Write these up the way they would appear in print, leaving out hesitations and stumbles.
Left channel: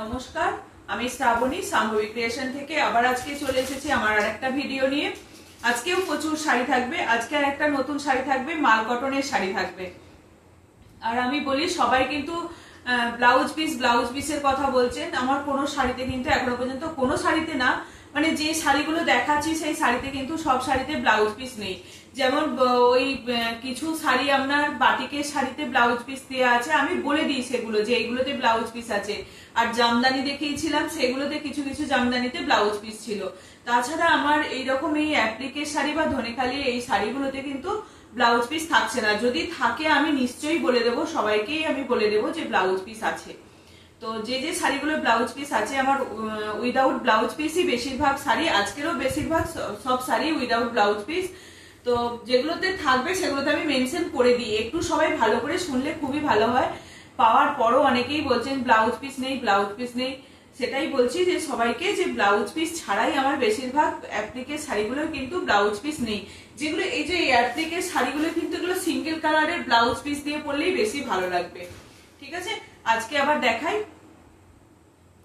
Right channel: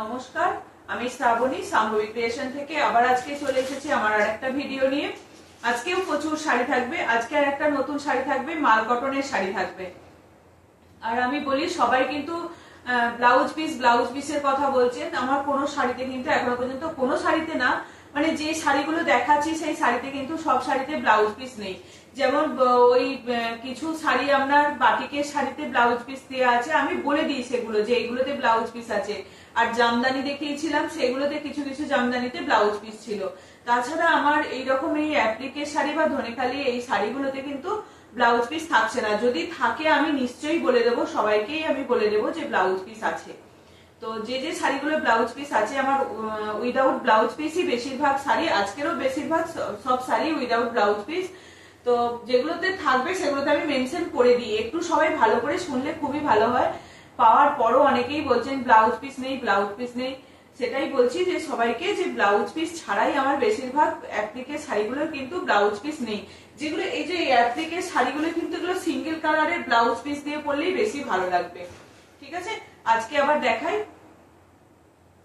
নমস্কার, আমি শ্রাবণী সাম্ভবী ক্রিয়েশন থেকে আবার আজকে চলে এসেছি আমার আরেকটা ভিডিও নিয়ে। আজকেও প্রচুর শাড়ি থাকবে। আজকে আরেকটা নতুন শাড়ি থাকবে, মাল কটনের শাড়ি থাকবে। আর আমি বলি সবাই কিন্তু ব্লাউজ পিসের কথা বলছেন। আমার কোনো শাড়িতে কিন্তু এখনো পর্যন্ত কোনো শাড়িতে না, মানে যে শাড়িগুলো দেখাচ্ছি সেই শাড়িতে কিন্তু সব শাড়িতে ব্লাউজ পিস নেই। যেমন ওই কিছু শাড়ি আপনার বাটিকের শাড়িতে ব্লাউজ পিস দেওয়া আছে, আমি বলে দিই সেগুলো যে এইগুলোতে ব্লাউজ পিস আছে। আর জামদানি দেখিয়েছিলাম, সেগুলোতে কিছু কিছু জামদানিতে ব্লাউজ পিস ছিল। তাছাড়া আমার এইরকম এই অ্যাপ্লিকের শাড়ি বা ধনেখালি এই শাড়িগুলোতে কিন্তু ব্লাউজ পিস থাকছে না। যদি থাকে আমি নিশ্চয়ই বলে দেবো, সবাইকেই আমি বলে দেবো যে ব্লাউজ পিস আছে। তো যে যে শাড়িগুলো ব্লাউজ পিস আছে, আমার উইদাউট ব্লাউজ পিসই বেশিরভাগ শাড়ি, আজকেরও বেশিরভাগ সব শাড়ি উইদাউট ব্লাউজ পিস। তো যেগুলোতে থাকবে সেগুলোতে আমি মেনশন করে দিই, একটু সবাই ভালো করে শুনলে খুবই ভালো হয়। পাওয়ার পরও অনেকেই বলছেন ব্লাউজ পিস নেই, ব্লাউজ পিস নেই। সেটাই বলছি যে সবাইকে যে ব্লাউজ পিস ছাড়াই আমার বেশিরভাগ অ্যাপ্লিকের শাড়িগুলো কিন্তু ব্লাউজ পিস নেই। যেগুলো এই যে অ্যাপ্লিকের শাড়িগুলো কিন্তু এগুলো সিঙ্গেল কালারের ব্লাউজ পিস দিয়ে পরলেই বেশি ভালো লাগবে। ঠিক আছে, আজকে আবার দেখাই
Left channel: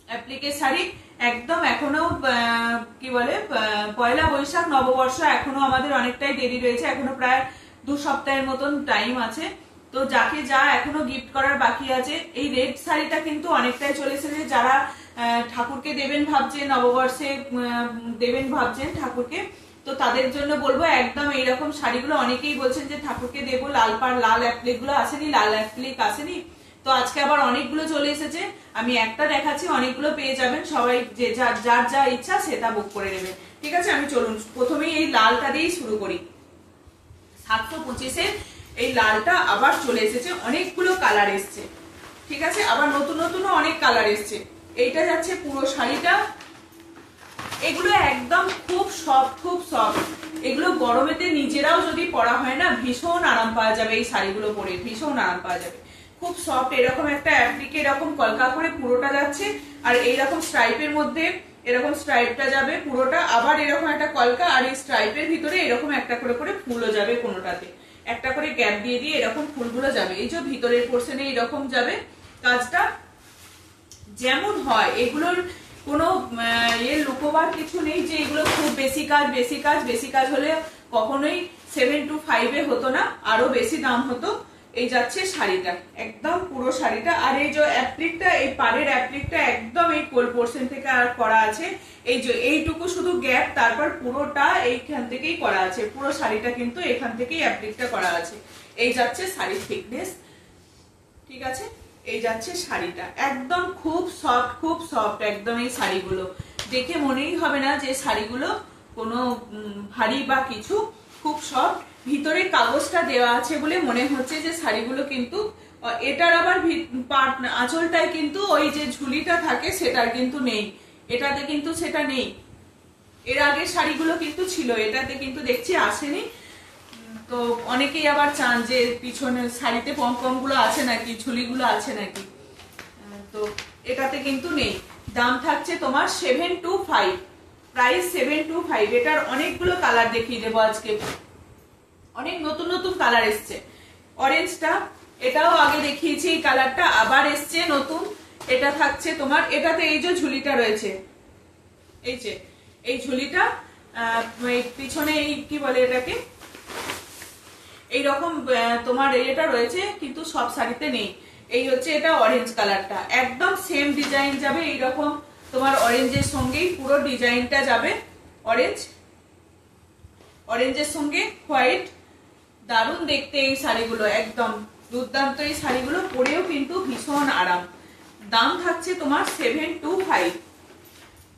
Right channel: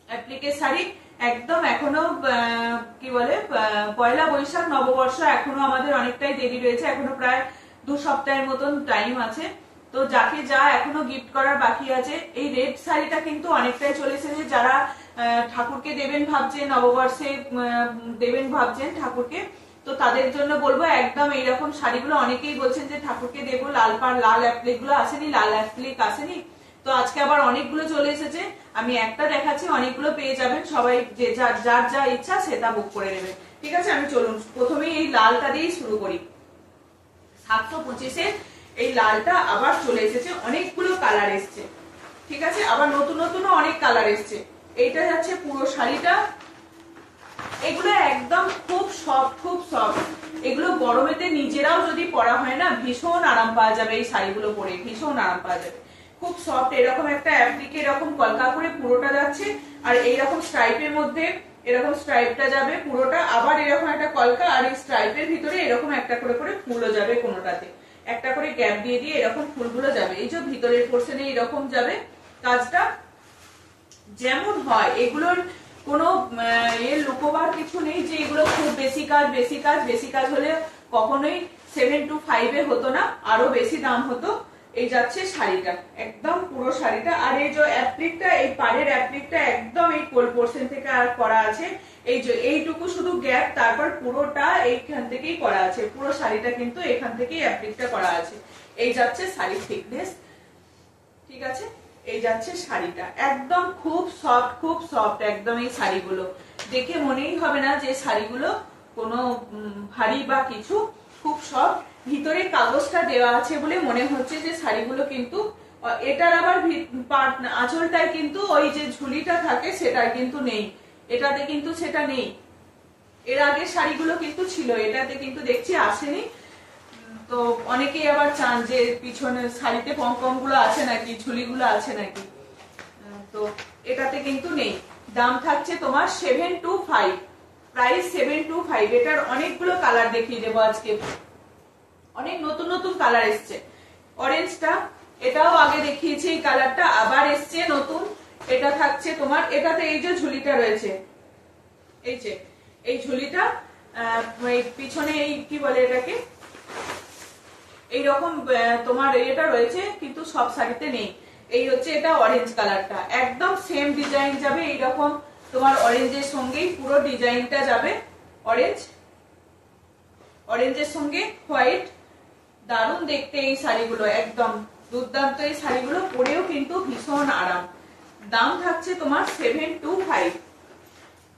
অ্যাপ্লিকের শাড়ি। একদম এখনো কি বলে পয়লা বৈশাখ নববর্ষ, এখনো আমাদের অনেকটাই দেরি রয়েছে, এখনো প্রায় 2 সপ্তাহের মতন টাইম আছে। তো যাকে যা এখনো গিফট করার বাকি আছে, এই রেড শাড়িটা কিন্তু অনেকটাই চলে এসেছে। যারা ঠাকুরকে দেবেন ভাবছেন, নববর্ষে দেবেন ভাবছেন ঠাকুরকে, তো তাদের জন্য বলবো একদম এইরকম শাড়িগুলো। অনেকেই বলছেন যে ঠাকুরকে দেবো, লাল অ্যাপ্লিক গুলো আসেনি, লাল অ্যাপ্লিক আসেনি। তো আজকে আবার অনেকগুলো চলে এসেছে, আমি একটা দেখাচ্ছি, অনেকগুলো পেয়ে যাবেন। সবাই যে যার যা ইচ্ছা সেটা বুক করে নেবেন। ঠিক আছে, আমি চলুন প্রথমেই এই লালটা দিয়েই শুরু করি। 725-এর এই লালটা আবার চলে এসেছে, অনেকগুলো কালার এসছে। ঠিক আছে, আবার নতুন নতুন অনেক কালার এসছে। এইটা যাচ্ছে পুরো শাড়িটা। এগুলো একদম খুব সফট। এগুলো গরমেতে নিজেরাও যদি পরা হয় না, ভীষণ আরাম পাওয়া যাবে। এই শাড়িগুলো পরে ভীষণ আরাম পাওয়া যাবে, খুব সফট। এরকম একটা অ্যাপ্লিকে এরকম কলকা করে পুরোটা যাচ্ছে, আর এইরকম স্ট্রাইপের মধ্যে এরকম স্ট্রাইপটা যাবে পুরোটা, আবার এরকম একটা কলকা, আর এই স্ট্রাইপের ভিতরে এরকম একটা করে করে ফুলও যাবে, কোনোটাতে একটা করে গ্যাপ দিয়ে দিয়ে এরকম ফুলগুলো যাবে। এই যে ভিতরের পোর্শনে এরকম যাবে কাজটা। যেমন হয় এগুলোর কোনো লুকোবার কিছু নেই যে এগুলো খুব বেশি কাজ হলে কখনোই 725-এ হতো না, আরো বেশি দাম হতো। এই যাচ্ছে শাড়িটা, একদম পুরো শাড়িটা। আর এই যে অ্যাপ্লিকটা, এই পাড়ের অ্যাপ্লিকটা একদম এই কোল পোর্শন থেকে আর করা আছে। এই যে এইটুকু শুধু গ্যাপ, তারপর পুরোটা এইখান থেকেই করা আছে। পুরো শাড়িটা কিন্তু এখান থেকেই অ্যাপ্লিকটা করা আছে। এই যাচ্ছে শাড়ির থিকনেস। ঠিক আছে, এই যাচ্ছে শাড়িটা, একদম খুব সফট একদম। এই শাড়িগুলো দেখে মনেই হবে না যে শাড়িগুলো কোনো ভারী বা কিছু, খুব সফট। ভিতরে কাগজটা দেওয়া আছে বলে মনে হচ্ছে যে শাড়িগুলো কিন্তু, এটার আবার আঁচলটায় কিন্তু ওই যে ঝুলিটা থাকে সেটার কিন্তু নেই, এটাতে কিন্তু সেটা নেই। এর আগে শাড়িগুলো কিন্তু ছিল, এটাতে কিন্তু দেখছি আসেনি। তো অনেকেই আবার চান যে পিছনে শাড়িতে পম গুলো আছে নাকি, ঝুলিগুলো আছে নাকি, তো এটাতে কিন্তু নেই। দাম থাকছে তোমার 725, প্রাইস 725। এটার অনেকগুলো কালার দেখিয়ে দেবো আজকে, অনেক নতুন নতুন কালার এসছে। অরেঞ্জটা, এটাও আগে দেখিয়েছি, এই কালারটা আবার এসছে নতুন। এটা থাকছে তোমার, এটাতে এই যে ঝুলিটা রয়েছে, এই যে এই ঝুলিটা পিছনে এই কি বলে এটাকে, এইরকম তোমার এটা রয়েছে, কিন্তু সব শাড়িতে নেই। এই হচ্ছে এটা অরেঞ্জ কালারটা, একদম সেম ডিজাইন যাবে এইরকম। তোমার অরেঞ্জের সঙ্গেই পুরো ডিজাইনটা যাবে, অরেঞ্জের সঙ্গে হোয়াইট। দারুণ দেখতে এই শাড়িগুলো, একদম দুর্দান্ত। এই শাড়িগুলো পরেও কিন্তু ভীষণ আরাম। দাম থাকছে তোমার 725,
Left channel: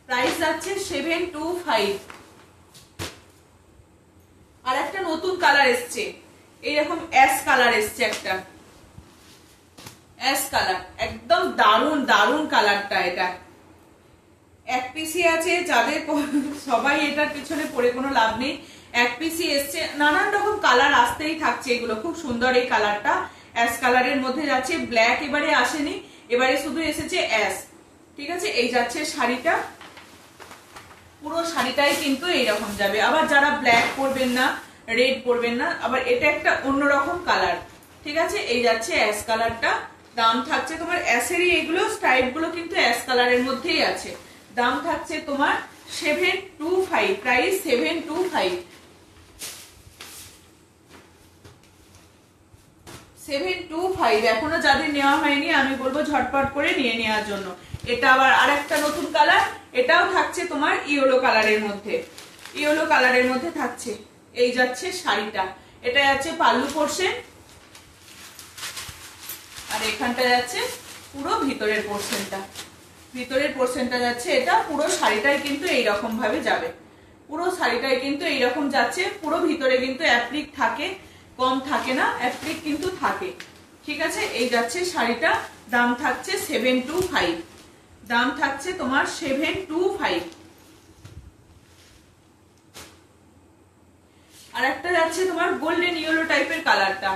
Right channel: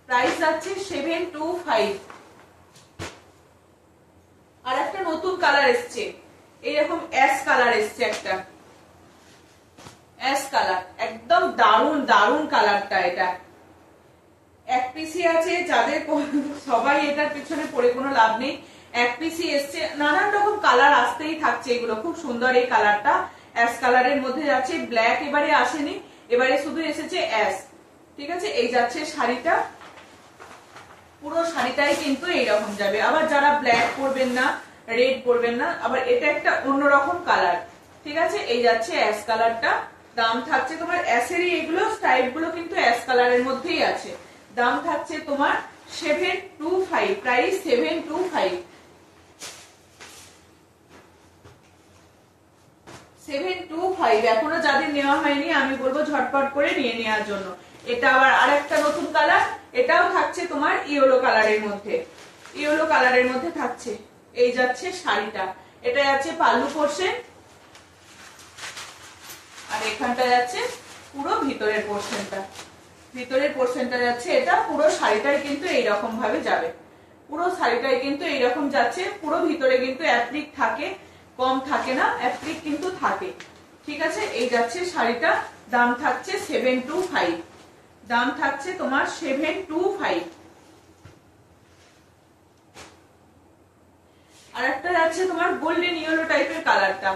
প্রাইস যাচ্ছে 725। আর একটা নতুন কালার এসছে, এইরকম অ্যাশ কালার এসছে, একটা অ্যাশ কালার, একদম দারুণ কালারটা। এটা এক পিসি আছে, যাদের সবাই এটার পিছনে পড়ে কোনো লাভ নেই। এক পিসি এসছে, নানান রকম কালার আসতেই থাকছে। এগুলো খুব সুন্দর, এই কালারটা অ্যাশ কালারের মধ্যে যাচ্ছে, ব্ল্যাক এবারে আসেনি, এবারে শুধু এসেছে অ্যাশ। ঠিক আছে, এই যাচ্ছে শাড়িটা, পুরো শাড়িটাই কিন্তু এইরকম যাবে। আবার যারা ব্ল্যাক পরবেন না, রেড পরবেন না, আবার এটা একটা অন্যরকম কালার। ঠিক আছে, এই যাচ্ছে অ্যাশ কালারটা, দাম থাকছে তোমার অ্যাশেরই, এগুলো স্ট্রাইপ গুলো কিন্তু অ্যাশ কালারের মধ্যেই আছে। দাম থাকছে তোমার 725, প্রাইস 725। 725 এখনো যাদের নেওয়া হয়নি আমি বলবো ঝটপট করে নিয়ে নেওয়ার জন্য। এটা আবার আরেকটা নতুন কালার, এটাও থাকছে তোমার ইয়েলো কালারের মধ্যে, ইয়েলো কালারের মধ্যে থাকছে। এই যাচ্ছে শাড়িটা, এটা যাচ্ছে পাল্লু পোরশন, আর এখানটা যাচ্ছে পুরো ভিতরের পোরশনটা, ভিতরের পোরশনটা যাচ্ছে। এটা পুরো শাড়িটাই কিন্তু এইরকম ভাবে যাবে, পুরো শাড়িটাই কিন্তু এইরকম যাচ্ছে। পুরো ভিতরে কিন্তু অ্যাপ্লিক থাকে, কম থাকে না, অ্যাপ্লিক কিন্তু থাকে। ঠিক আছে, এই যাচ্ছে শাড়িটা। দাম থাকছে 725, দাম থাকছে তোমার 725। আর একটা যাচ্ছে তোমার গোল্ডেন ইয়েলো টাইপের কালারটা,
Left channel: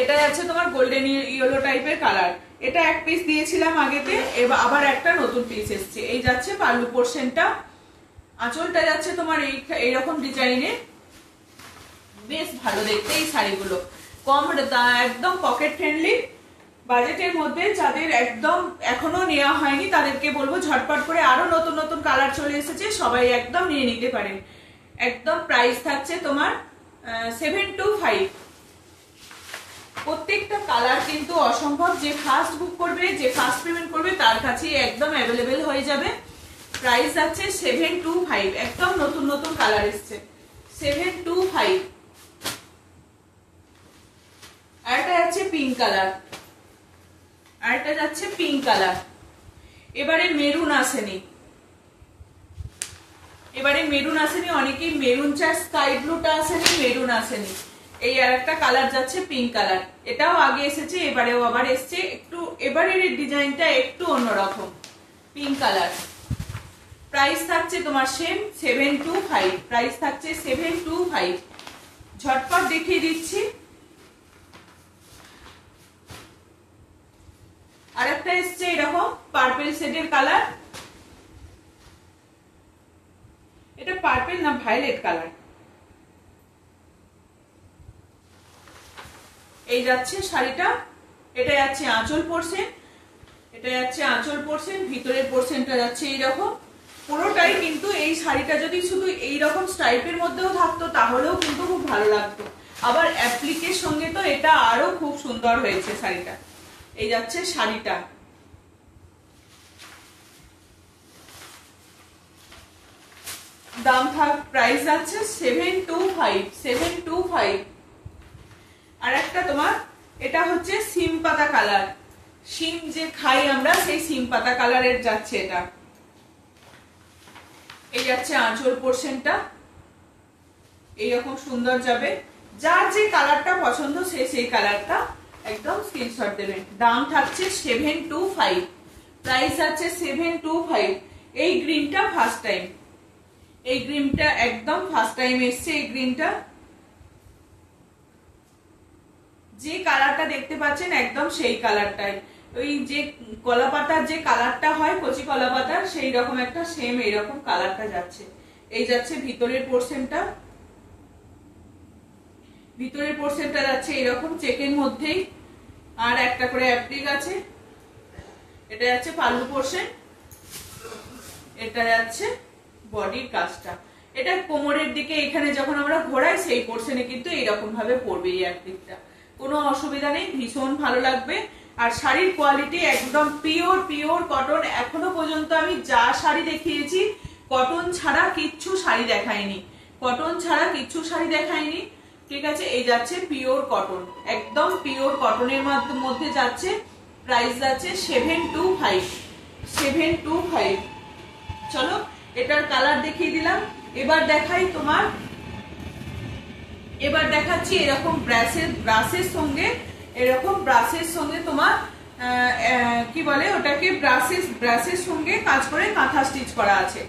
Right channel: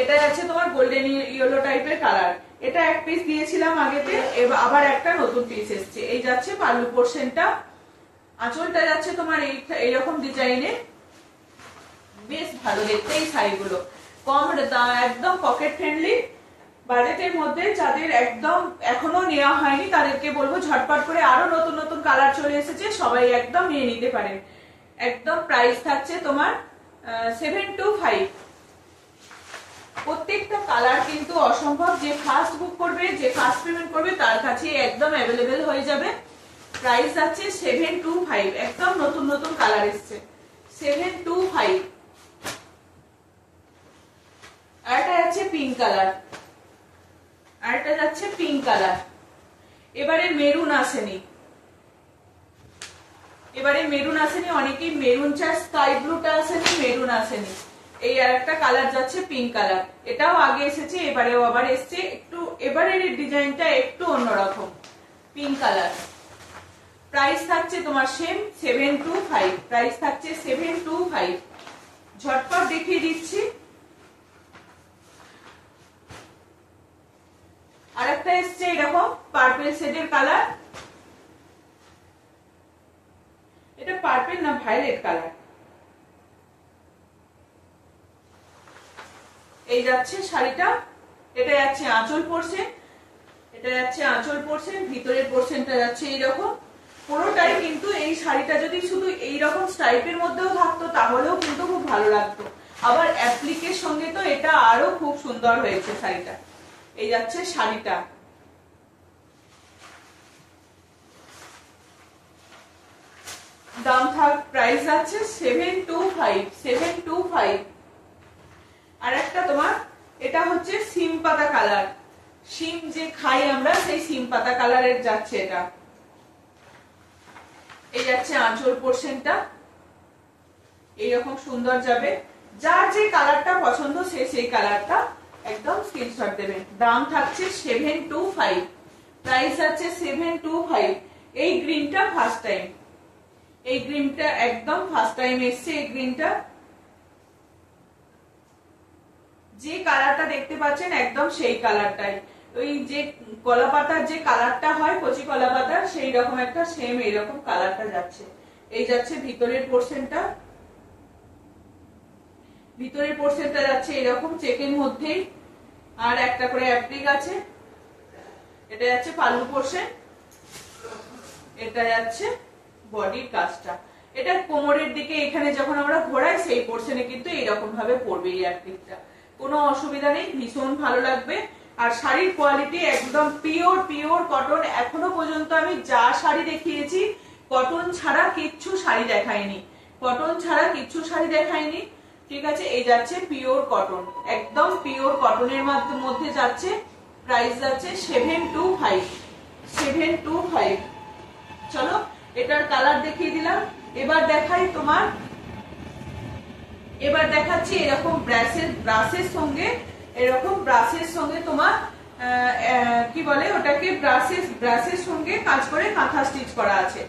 এটা যাচ্ছে তোমার গোল্ডেন ইয়েলো টাইপের কালার। এটা এক পিস দিয়েছিলাম আগেতে, এবার আবার একটা নতুন পিস এসছে। এই যাচ্ছে পাল্লু পোরশনটা, আঁচলটা যাচ্ছে তোমার এইরকম ডিজাইনের, বেশ ভালো দেখতে এই শাড়িগুলো। কম একদম পকেট ফ্রেন্ডলি বাজেটের মধ্যে, যাদের একদম এখনো নেওয়া হয়নি তাদেরকে বলবো ঝটপট করে, আরো নতুন নতুন কালার চলে এসেছে, সবাই একদম নিয়ে নিতে পারেন। একদম প্রাইস থাকছে তোমার 725। প্রত্যেকটা কালার কিন্তু অসম্ভব, যে ফার্স্ট বুক করবে, যে ফার্স্ট পেমেন্ট করবে তার কাছে একদম অ্যাভেলেবেল হয়ে যাবে। প্রাইস আছে 725, একদম নতুন নতুন কালার এসছে 725। আরেকটা যাচ্ছে পিঙ্ক কালার, আরেকটা যাচ্ছে পিঙ্ক কালার। এবারে মেরুন আসেনি, এবারে মেরুন আসেনি, অনেকেই মেরুন চায়, স্কাই ব্লুটা আসেনি, মেরুন আসেনি। এই আরেকটা কালার যাচ্ছে পিঙ্ক কালার, এটাও আগে এসেছে, এবারেও আবার এসছে, একটু এবারের ডিজাইনটা একটু অন্যরকম, পিঙ্ক কালার। প্রাইস থাকছে তোমার সেম 725, প্রাইস থাকছে 725। ঝটপট দেখিয়ে দিচ্ছি। আরেকটা এসছে এরকম পার্পল শেডের কালার, এটা পার্পল না ভায়োলেট কালার। এই যাচ্ছে শাড়িটা, এটা যাচ্ছে আঁচল পোরশন, এটা যাচ্ছে আঁচল পোরশন, ভিতরের পোরশনটা যাচ্ছে এইরকম। পুরোটাই কিন্তু এই শাড়িটা যদি শুধু এইরকম স্টাইপের মধ্যেও থাকতো তাহলেও কিন্তু খুব ভালো লাগতো, আবার অ্যাপ্লিকের সঙ্গে তো এটা আরো খুব সুন্দর হয়েছে শাড়িটা। এই যাচ্ছে শাড়িটা, দাম প্রাইস আছে 725, 725। আর একটা তোমার এটা হচ্ছে সিম পাতা কালার, সিম যে খাই আমরা সেই সিম পাতা কালারের যাচ্ছে এটা। এই যাচ্ছে আঁচল পোরশনটা, এইরকম সুন্দর যাবে। যার যে কালারটা পছন্দ সে সেই কালারটা একদম স্ক্রিনশট দেবেন। দাম থাকছে 725, প্রাইস আছে 725। এই গ্রিনটা ফার্স্ট টাইম, এই গ্রিনটা একদম ফার্স্ট টাইম এসছে। এই গ্রিনটা যে কালারটা দেখতে পাচ্ছেন একদম সেই কালারটাই, ওই যে কলা পাতার যে কালারটা হয় কচি কলা পাতার, সেই রকম একটা সেম এইরকম কালারটা যাচ্ছে। এই যাচ্ছে ভিতরের পোরশনটা, ভিতরের পোরশনটা যাচ্ছে এরকম চেকের মধ্যেই, আর একটা করে অ্যাপ্লিক আছে। এটা যাচ্ছে পাল্লু পোরশন, এটা যাচ্ছে বডির কাজটা। এটা কোমরের দিকে এখানে যখন আমরা ঘোরাই সেই পোরশনে কিন্তু এইরকম ভাবে পড়বে এই অ্যাপ্লিকটা, কোনো অসুবিধা নেই, ভীষণ ভালো লাগবে। আর শাড়ির কোয়ালিটি একদম পিওর পিওর কটন। এখনো পর্যন্ত আমি যা শাড়ি দেখিয়েছি কটন ছাড়া কিচ্ছু শাড়ি দেখাইনি, কটন ছাড়া কিচ্ছু শাড়ি দেখাইনি। ঠিক আছে, এই যাচ্ছে পিওর কটন, একদম পিওর কটনের মধ্যে যাচ্ছে। প্রাইস যাচ্ছে 725, 725। চলো এটার কালার দেখিয়ে দিলাম। এবার দেখাই তোমার, এবার দেখাচ্ছি এরকম ব্রাশের সঙ্গে, এরকম ব্রাশের সঙ্গে তোমার কি বলে ওটাকে, ব্রাশের সঙ্গে কাজ করে কাঁথা স্টিচ করা আছে,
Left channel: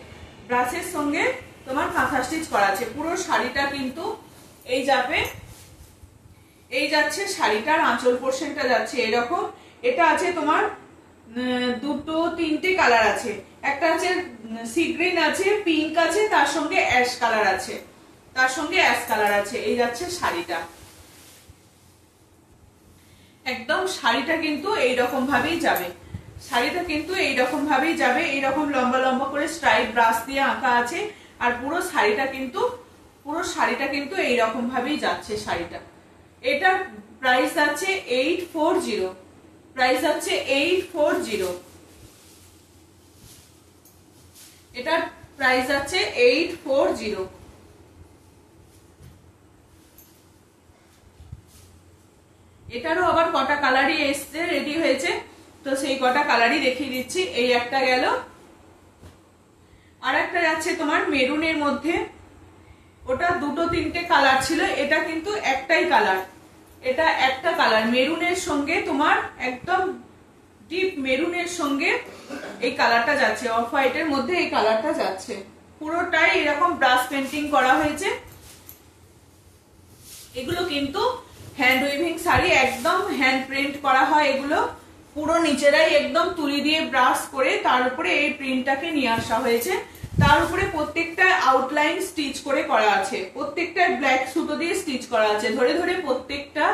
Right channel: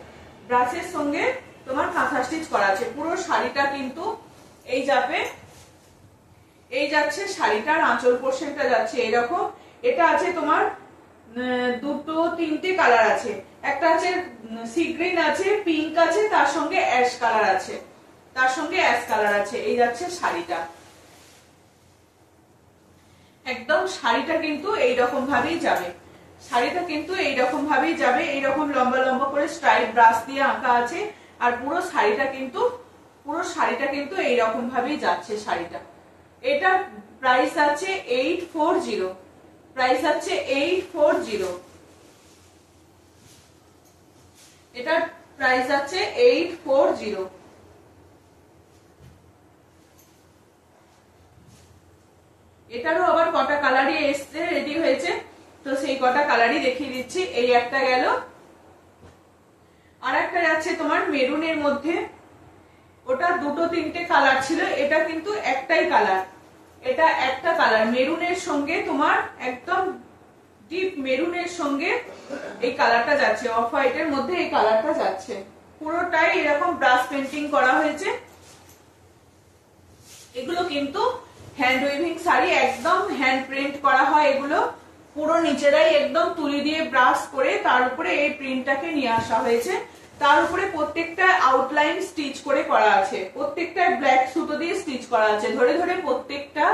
ব্রাশের সঙ্গে তোমার কাঁথা স্টিচ করা আছে। পুরো শাড়িটা কিন্তু এই যাবে, এই যাচ্ছে শাড়িটার আঁচল পোরশনটা যাচ্ছে এরকম। এটা আছে তোমার দুটো তিনটে কালার আছে, একটা আছে সি গ্রিন আছে, পিঙ্ক আছে, তার সঙ্গে অ্যাশ কালার আছে, তার সঙ্গে অ্যাশ কালার আছে। এই যাচ্ছে শাড়িটা, একদম শাড়িটা কিন্তু এইরকম ভাবেই যাবে, শাড়িটা কিন্তু এইরকম ভাবেই যাবে, এইরকম লম্বা লম্বা করে স্ট্রাইপ ব্রাশ দিয়ে আঁকা আছে। আর পুরো শাড়িটা কিন্তু এইরকম ভাবেই যাচ্ছে শাড়িটা। এটার প্রাইস আছে 840, প্রাইস আছে 840, এটার প্রাইস আছে 840। এটারও আবার কটা কালারই এসছে, রেডি হয়েছে, তো সেই কটা কালারই দেখিয়ে দিচ্ছি। এই একটা গেল, আর একটা যাচ্ছে তোমার মেরুনের মধ্যে, ওটা দুটো তিনটে কালার ছিল, এটা কিন্তু একটাই কালার, এটা একটা কালার মেরুনের সঙ্গে, তোমার একদম ডিপ মেরুনের সঙ্গে এই কালারটা যাচ্ছে, অফ হোয়াইটের মধ্যে এই কালারটা যাচ্ছে। পুরোটাই এরকম ব্রাশ পেন্টিং করা হয়েছে। এগুলো কিন্তু হ্যান্ড উইভিং শাড়ি, একদম হ্যান্ড প্রিন্ট করা হয় এগুলো, পুরো নিচেরাই একদম তুলি দিয়ে ব্রাশ করে তার উপরে এই প্রিন্টটাকে নিয়ে আসা হয়েছে। তার উপরে প্রত্যেকটা আউটলাইন স্টিচ করে করা আছে, প্রত্যেকটা ব্ল্যাক সুতো দিয়ে স্টিচ করা আছে, ধরে ধরে প্রত্যেকটা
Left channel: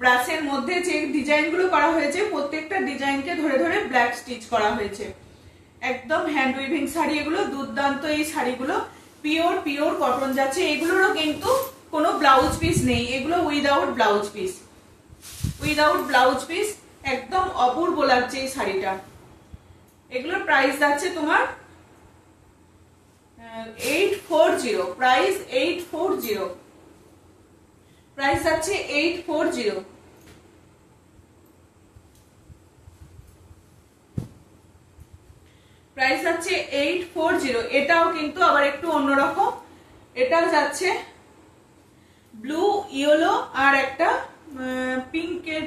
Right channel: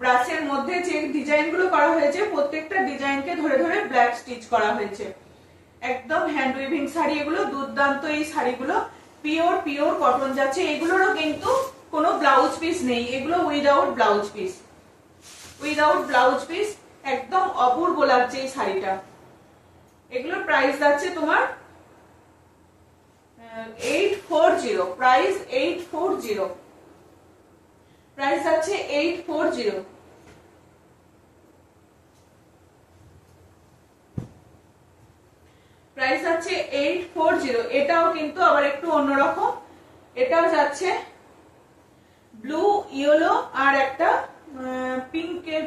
ব্রাশের মধ্যে যে ডিজাইন গুলো করা হয়েছে প্রত্যেকটা ডিজাইনকে ধরে ধরে ব্ল্যাক স্টিচ করা হয়েছে। একদম হ্যান্ড উইভিং শাড়ি এগুলো, দুর্দান্ত এই শাড়িগুলো, পিওর পিওর কটন যাচ্ছে। এগুলোরও কিন্তু কোনো ব্লাউজ পিস নেই, এগুলো without blouse piece, without blouse piece, একদম অপূর্ব লাগছে এই শাড়িটা। এগুলোর প্রাইস যাচ্ছে তোমার 840, প্রাইস 840, প্রাইস যাচ্ছে 840। প্রাইস আছে 840। এটাও কিন্তু আবার একটু অন্যরকম, এটা যাচ্ছে ব্লু ইয়েলো আর একটা পিঙ্কের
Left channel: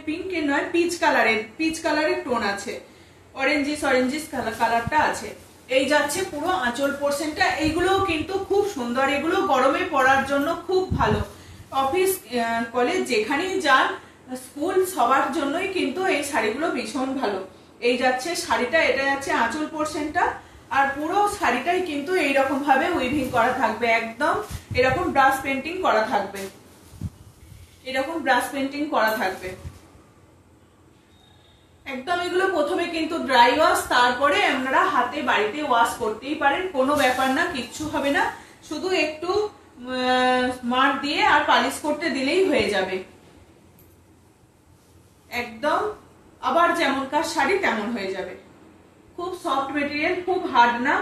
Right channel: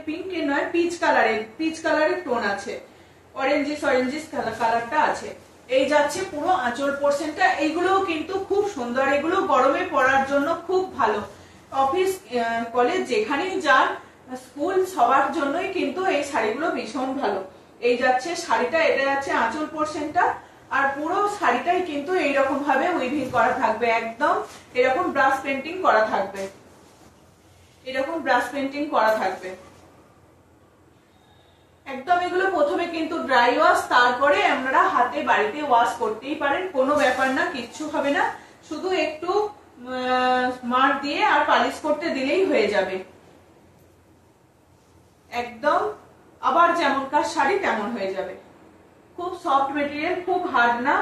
নয় পিচ কালারের টোন আছে, অরেঞ্জিস কালারটা আছে। এই যাচ্ছে পুরো আঁচল পোরশনটা। এইগুলোও কিন্তু খুব সুন্দর, এগুলো গরমে পরার জন্য খুব ভালো, অফিস কলেজ যেখানেই যান, স্কুল সবার জন্যই কিন্তু এই শাড়িগুলো ভীষণ ভালো। এই যাচ্ছে শাড়িটা, এটা যাচ্ছে আঁচল পোরশনটা, আর পুরো শাড়িটাই কিন্তু এইরকম ভাবে উইভিং করা থাকবে, একদম এরকম ব্রাশ পেন্টিং করা থাকবে, এরকম ব্রাশ পেন্টিং করা থাকবে একদম। এগুলো প্রথমে কিন্তু ড্রাই ওয়াশ, তারপরে আপনারা হাতে বাড়িতে ওয়াশ করতেই পারেন, কোনো ব্যাপার না, কিচ্ছু হবে না, শুধু একটু মার দিয়ে আর পালিশ করতে দিলেই হয়ে যাবে। একদম আবার যেমনকার শাড়ি তেমন হয়ে যাবে। খুব সফট মেটেরিয়াল, খুব হার্ড না,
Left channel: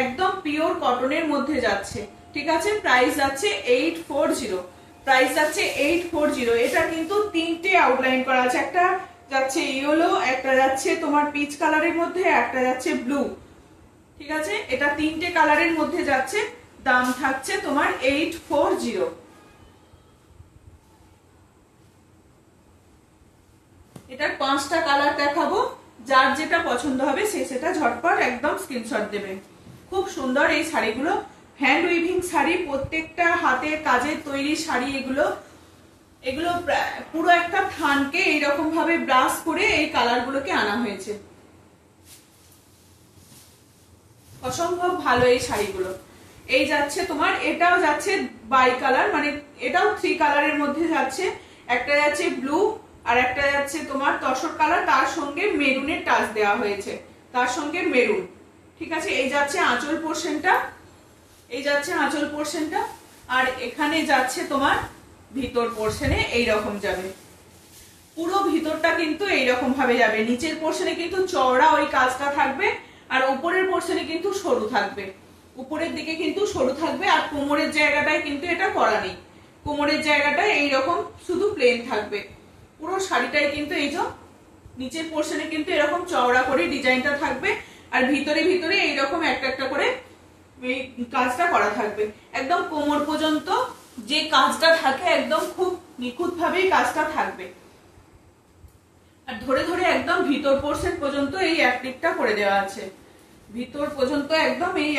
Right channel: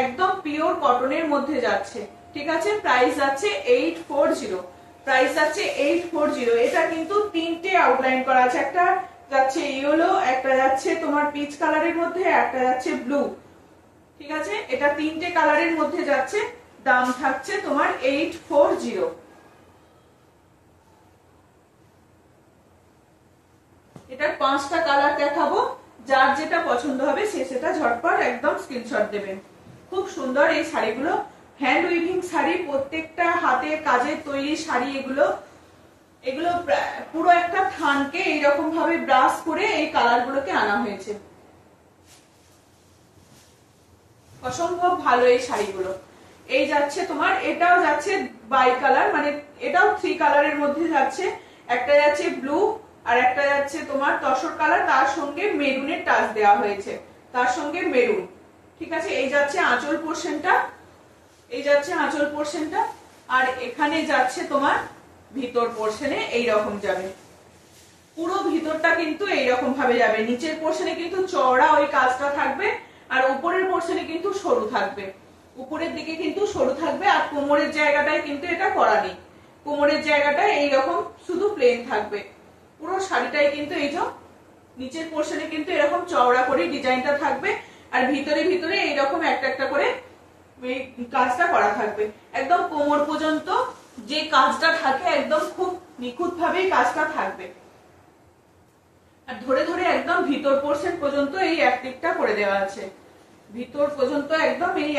একদম পিওর কটনের মধ্যে যাচ্ছে, ঠিক আছে। প্রাইস আছে 840, প্রাইস আছে 840। এটা কিন্তু তিনটে আউটলাইন করা আছে, একটা যাচ্ছে ইয়েলো, একটা যাচ্ছে তোমার পিচ কালারের মধ্যে, একটা যাচ্ছে ব্লু, ঠিক আছে। এটা তিনটে কালারের মধ্যে যাচ্ছে, দাম থাকছে তোমার 840। এটার 5টা কালার দেখাবো, যার যেটা পছন্দ হবে সে সেটা ঝটপট একদম স্ক্রিনশট দেবেন। খুব সুন্দর এই শাড়িগুলো, হ্যান্ড উইভিং শাড়ি, প্রত্যেকটা হাতের কাজের তৈরি শাড়ি এগুলো। এগুলো পুরো একটা থানকে এইরকম ভাবে ব্রাশ করে এই কালারগুলোকে আনা হয়েছে, অসম্ভব ভালো এই শাড়িগুলো। এই যাচ্ছে তোমার, এটাও যাচ্ছে বাই কালার, মানে এটাও 3 কালারের মধ্যে যাচ্ছে, একটা যাচ্ছে ব্লু আর একটা যাচ্ছে তোমার তসর কালার, তার সঙ্গে মেরুনের টাচ দেওয়া হয়েছে, তার সঙ্গে মেরুন, ঠিক আছে। এই যাচ্ছে আঁচল পোরশনটা, এই যাচ্ছে আঁচল পোরশনটা, আর এখানে যাচ্ছে তোমার ভিতর পোরশনে এইরকম যাবে, পুরো ভিতরটা কিন্তু এইরকম ভাবে যাবে। নিচের পোরশনে কিন্তু চওড়া ওই কাজটা থাকবে, আর উপরের পোরশনে কিন্তু সরু থাকবে, উপরের দিকে কিন্তু সরু থাকবে, আর কোমরের জায়গাটায় কিন্তু এটা করা নেই, কোমরের জায়গাটায় এইরকম শুধু প্লেন থাকবে। পুরো শাড়িটাই কিন্তু এই যে নিচের পোরশনে কিন্তু এরকম চওড়া করে ডিজাইনটা থাকবে, আর ভিতরে ভিতরে এইরকম একটা একটা করে এই কাজটা করা থাকবে, একদম কোমর পর্যন্ত যে কাজটা থাকে একদম খুব নিখুঁত ভাবেই কাজটা থাকবে। আর ধরে ধরে একদম ভিতর পোরশন পর্যন্ত এই অ্যাপ্লিকটা করে দেওয়া আছে, ভিতর পর্যন্ত একদম এই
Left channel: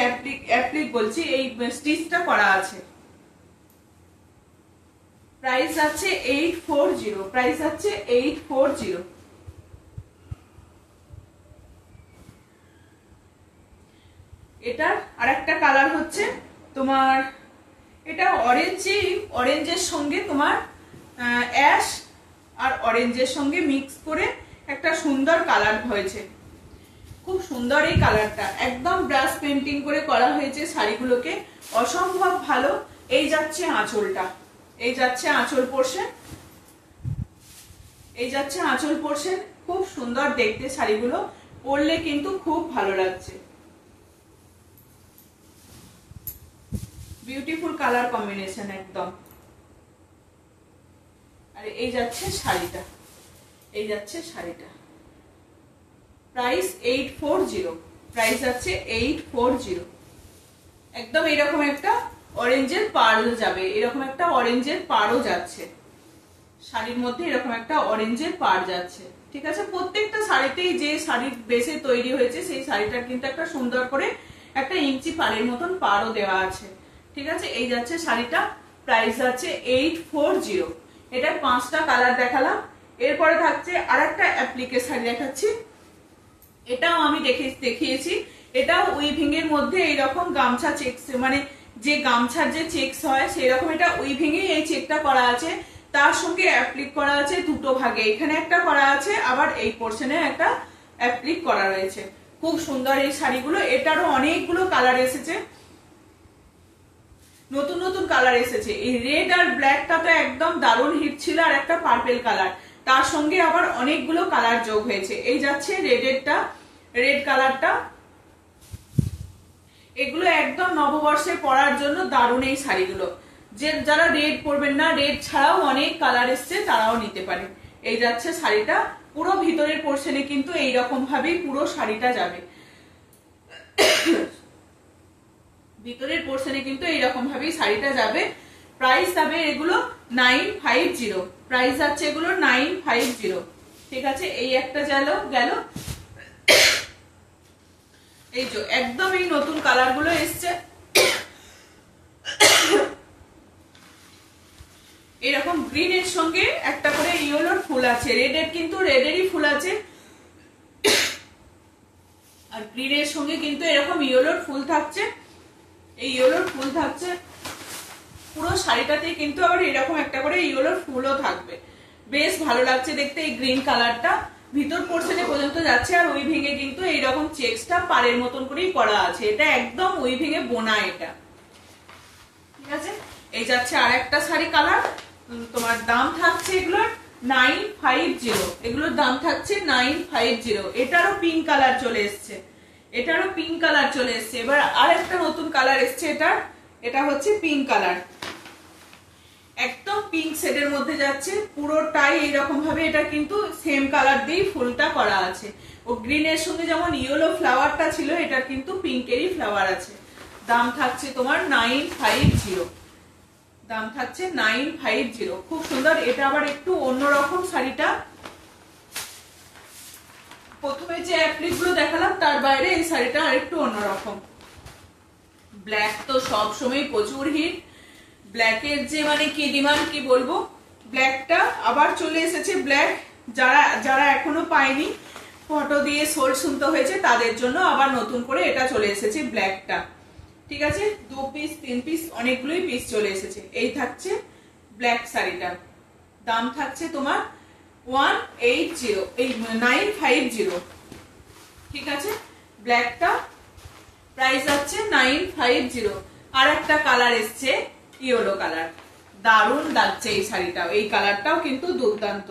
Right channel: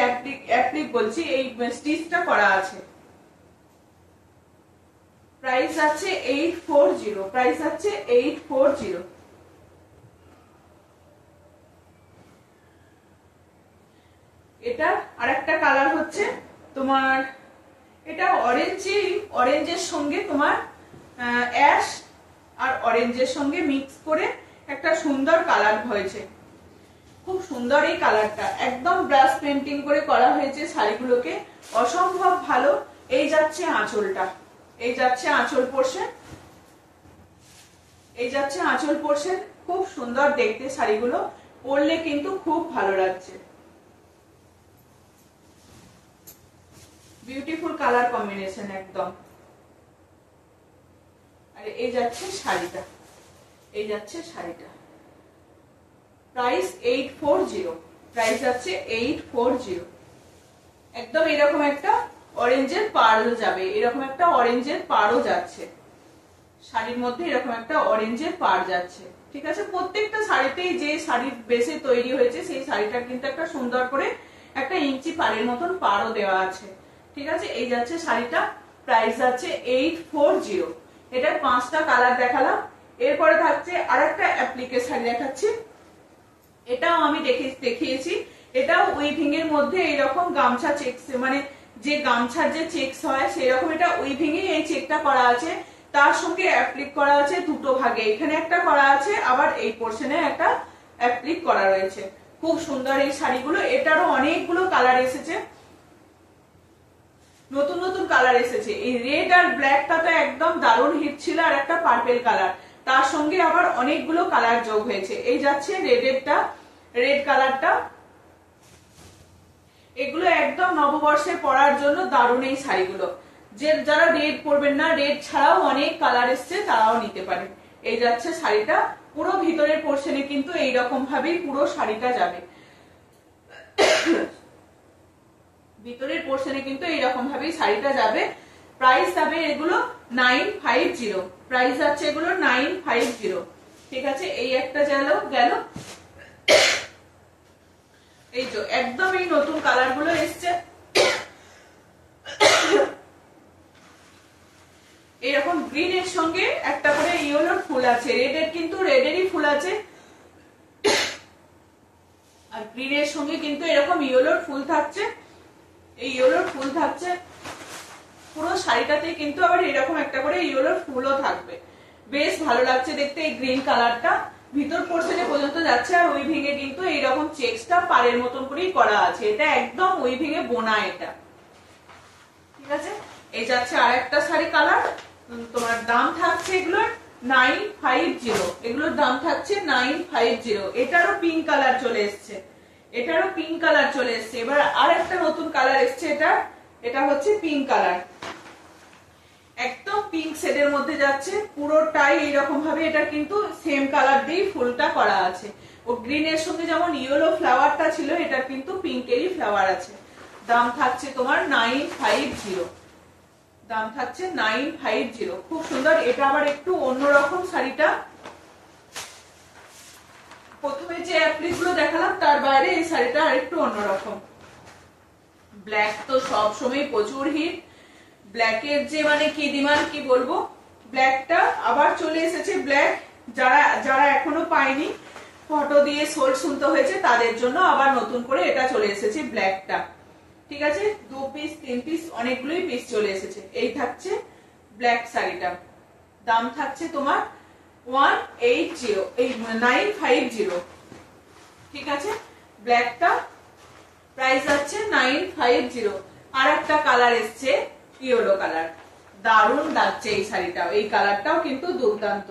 অ্যাপ্লিক বলছি, এই স্টিচটা করা আছে। প্রাইস আছে 840, প্রাইস আছে 840। এটার আরেকটা কালার হচ্ছে তোমার, এটা অরেঞ্জের সঙ্গে তোমার অ্যাশ আর অরেঞ্জের সঙ্গে মিক্স করে একটা সুন্দর কালার হয়েছে। খুব সুন্দর এই কালারটা, একদম ব্রাশ পেন্টিং করে করা হয়েছে শাড়িগুলোকে, অসম্ভব ভালো। এই যাচ্ছে আঁচলটা, এই যাচ্ছে আঁচল পোর্শন, এই যাচ্ছে আঁচল পোর্শন। খুব সুন্দর দেখতে শাড়িগুলো, পরলে কিন্তু খুব ভালো লাগছে। বিউটিফুল কালার কম্বিনেশন একদম। আর এই যাচ্ছে শাড়িটা, এই যাচ্ছে শাড়িটা। প্রাইস 840, প্রাইস আছে 840। একদম এরকম একটা অরেঞ্জের পাড়ও যাবে, এরকম একটা অরেঞ্জের পাড়ও যাচ্ছে শাড়ির মধ্যে, এরকম একটা অরেঞ্জের পাড় যাচ্ছে। ঠিক আছে, প্রত্যেকটা শাড়িতেই যে শাড়ির বেসে তৈরি হয়েছে সেই শাড়িটার কিন্তু একটা সুন্দর করে একটা ইঞ্চি পাড়ের মতন পাড়ও দেওয়া আছে। ঠিক আছে, এই যাচ্ছে শাড়িটা, প্রাইস আছে 840। এটার 5টা কালার দেখালাম। এরপরে থাকছে আরেকটা অ্যাপ্লিকে শাড়ি দেখাচ্ছি, এটাও আমি দেখিয়েছি। এটাও উইভিং এর মধ্যে এইরকম গামছা চেকস, মানে যে গামছার যে চেকস হয় সেই রকম এটা উইভিং এ এই চেকটা করা আছে। তার সঙ্গে অ্যাপ্লিক করা আছে দুটো ভাগে, এখানে একটা করা আছে, আবার এই পোর্শনে একটা অ্যাপ্লিক করা রয়েছে। খুব সুন্দর এই শাড়িগুলো। এটারও অনেকগুলো কালার এসেছে, নতুন নতুন কালার এসেছে। এই রেড আর ব্ল্যাকটা তো একদম দারুণ হিট ছিল, আর একটা পার্পেল কালার, তার সঙ্গে আবার অনেকগুলো কালার যোগ হয়েছে। এই যাচ্ছে রেডেরটা, রেড কালারটা। এগুলো একদম নববর্ষে পরার জন্য দারুণ এই শাড়িগুলো। যে যারা রেড পরবেন না, রেড ছাড়াও অনেক কালার এসছে, তারাও নিতে পারে। এই যাচ্ছে শাড়িটা, পুরো ভিতরের পোর্শনে কিন্তু এইরকম ভাবেই পুরো শাড়িটা যাবে, ভিতরের পোর্শনে কিন্তু এইরকম ভাবেই শাড়িটা যাবে। প্রাইস যাবে এগুলো 950, প্রাইস যাচ্ছে এগুলো 950। ঠিক আছে, এই একটা গেল। এই যে একদম এই নতুন কালার গুলো এসছে, এরকম গ্রিন এর সঙ্গে একটা করে ইয়েলোর ফুল আছে, রেডের কিন্তু রেডেরই ফুল আছে, আর গ্রিন এর সঙ্গে কিন্তু এরকম ইয়েলোর ফুল থাকছে। এই ইয়েলোর ফুল থাকছে পুরো শাড়িটাতে, কিন্তু আবার এরকম একটা করে ইয়েলোর ফুলও থাকবে। বেশ ভালো লাগছে দেখতে। এই গ্রিন কালারটা ভিতর পোর্শনে পর্যন্ত যাচ্ছে, আর উইভিং এ কিন্তু এইরকম চেকসটা পাড়ের মতন করেই করা আছে। এটা একদম উইভিং এ বোনা এটা। ঠিক আছে, এই যাচ্ছে আর একটা শাড়ি কালার। তোমার দাম থাকছে এগুলোর 950, এগুলোর দাম থাকছে 950। এটারও পিঙ্ক কালার চলে এসছে, এটারও পিঙ্ক কালার চলে এসছে। এবার আর একটা নতুন কালার এসছে, এটা হচ্ছে পিঙ্ক কালার, একদম পিঙ্ক শেডের মধ্যে যাচ্ছে পুরোটাই এইরকম ভাবে। এটা কিন্তু সেম কালার দিয়েই ফুলটা করা আছে। ও গ্রিন এর সঙ্গে যেমন ইয়েলো ফ্লাওয়ারটা ছিল, এটা কিন্তু পিঙ্কেরই ফ্লাওয়ার আছে। দাম থাকছে তোমার 950, দাম থাকছে 950। খুব সুন্দর। এটা আবার একটু অন্যরকম শাড়িটা। প্রথমে যে অ্যাপ্লিক গুলো দেখালাম তার বাইরে এই শাড়িটা আরেকটু অন্যরকম। ব্ল্যাক তো সব সময় প্রচুর হিট, ব্ল্যাকের যে মানে কি ডিমান্ড কি বলবো। ব্ল্যাকটা আবার চলে এসেছে। ব্ল্যাক যারা এখনো পায়নি, ফটো দিয়ে সোল্ড শুনতে হয়েছে, তাদের জন্য আবার নতুন করে এটা চলে এসেছে ব্ল্যাকটা। ঠিক আছে, 2 পিস 3 পিস অনেকগুলোই পিস চলে এসেছে। এই থাকছে ব্ল্যাক শাড়িটা, দাম থাকছে তোমার 950। ঠিক আছে, ব্ল্যাকটা প্রাইস আছে 950। আর একটা কালার এসছে ইয়েলো কালার, দারুণ লাগছে এই শাড়িটাও। এই কালারটাও কিন্তু দুর্দান্ত।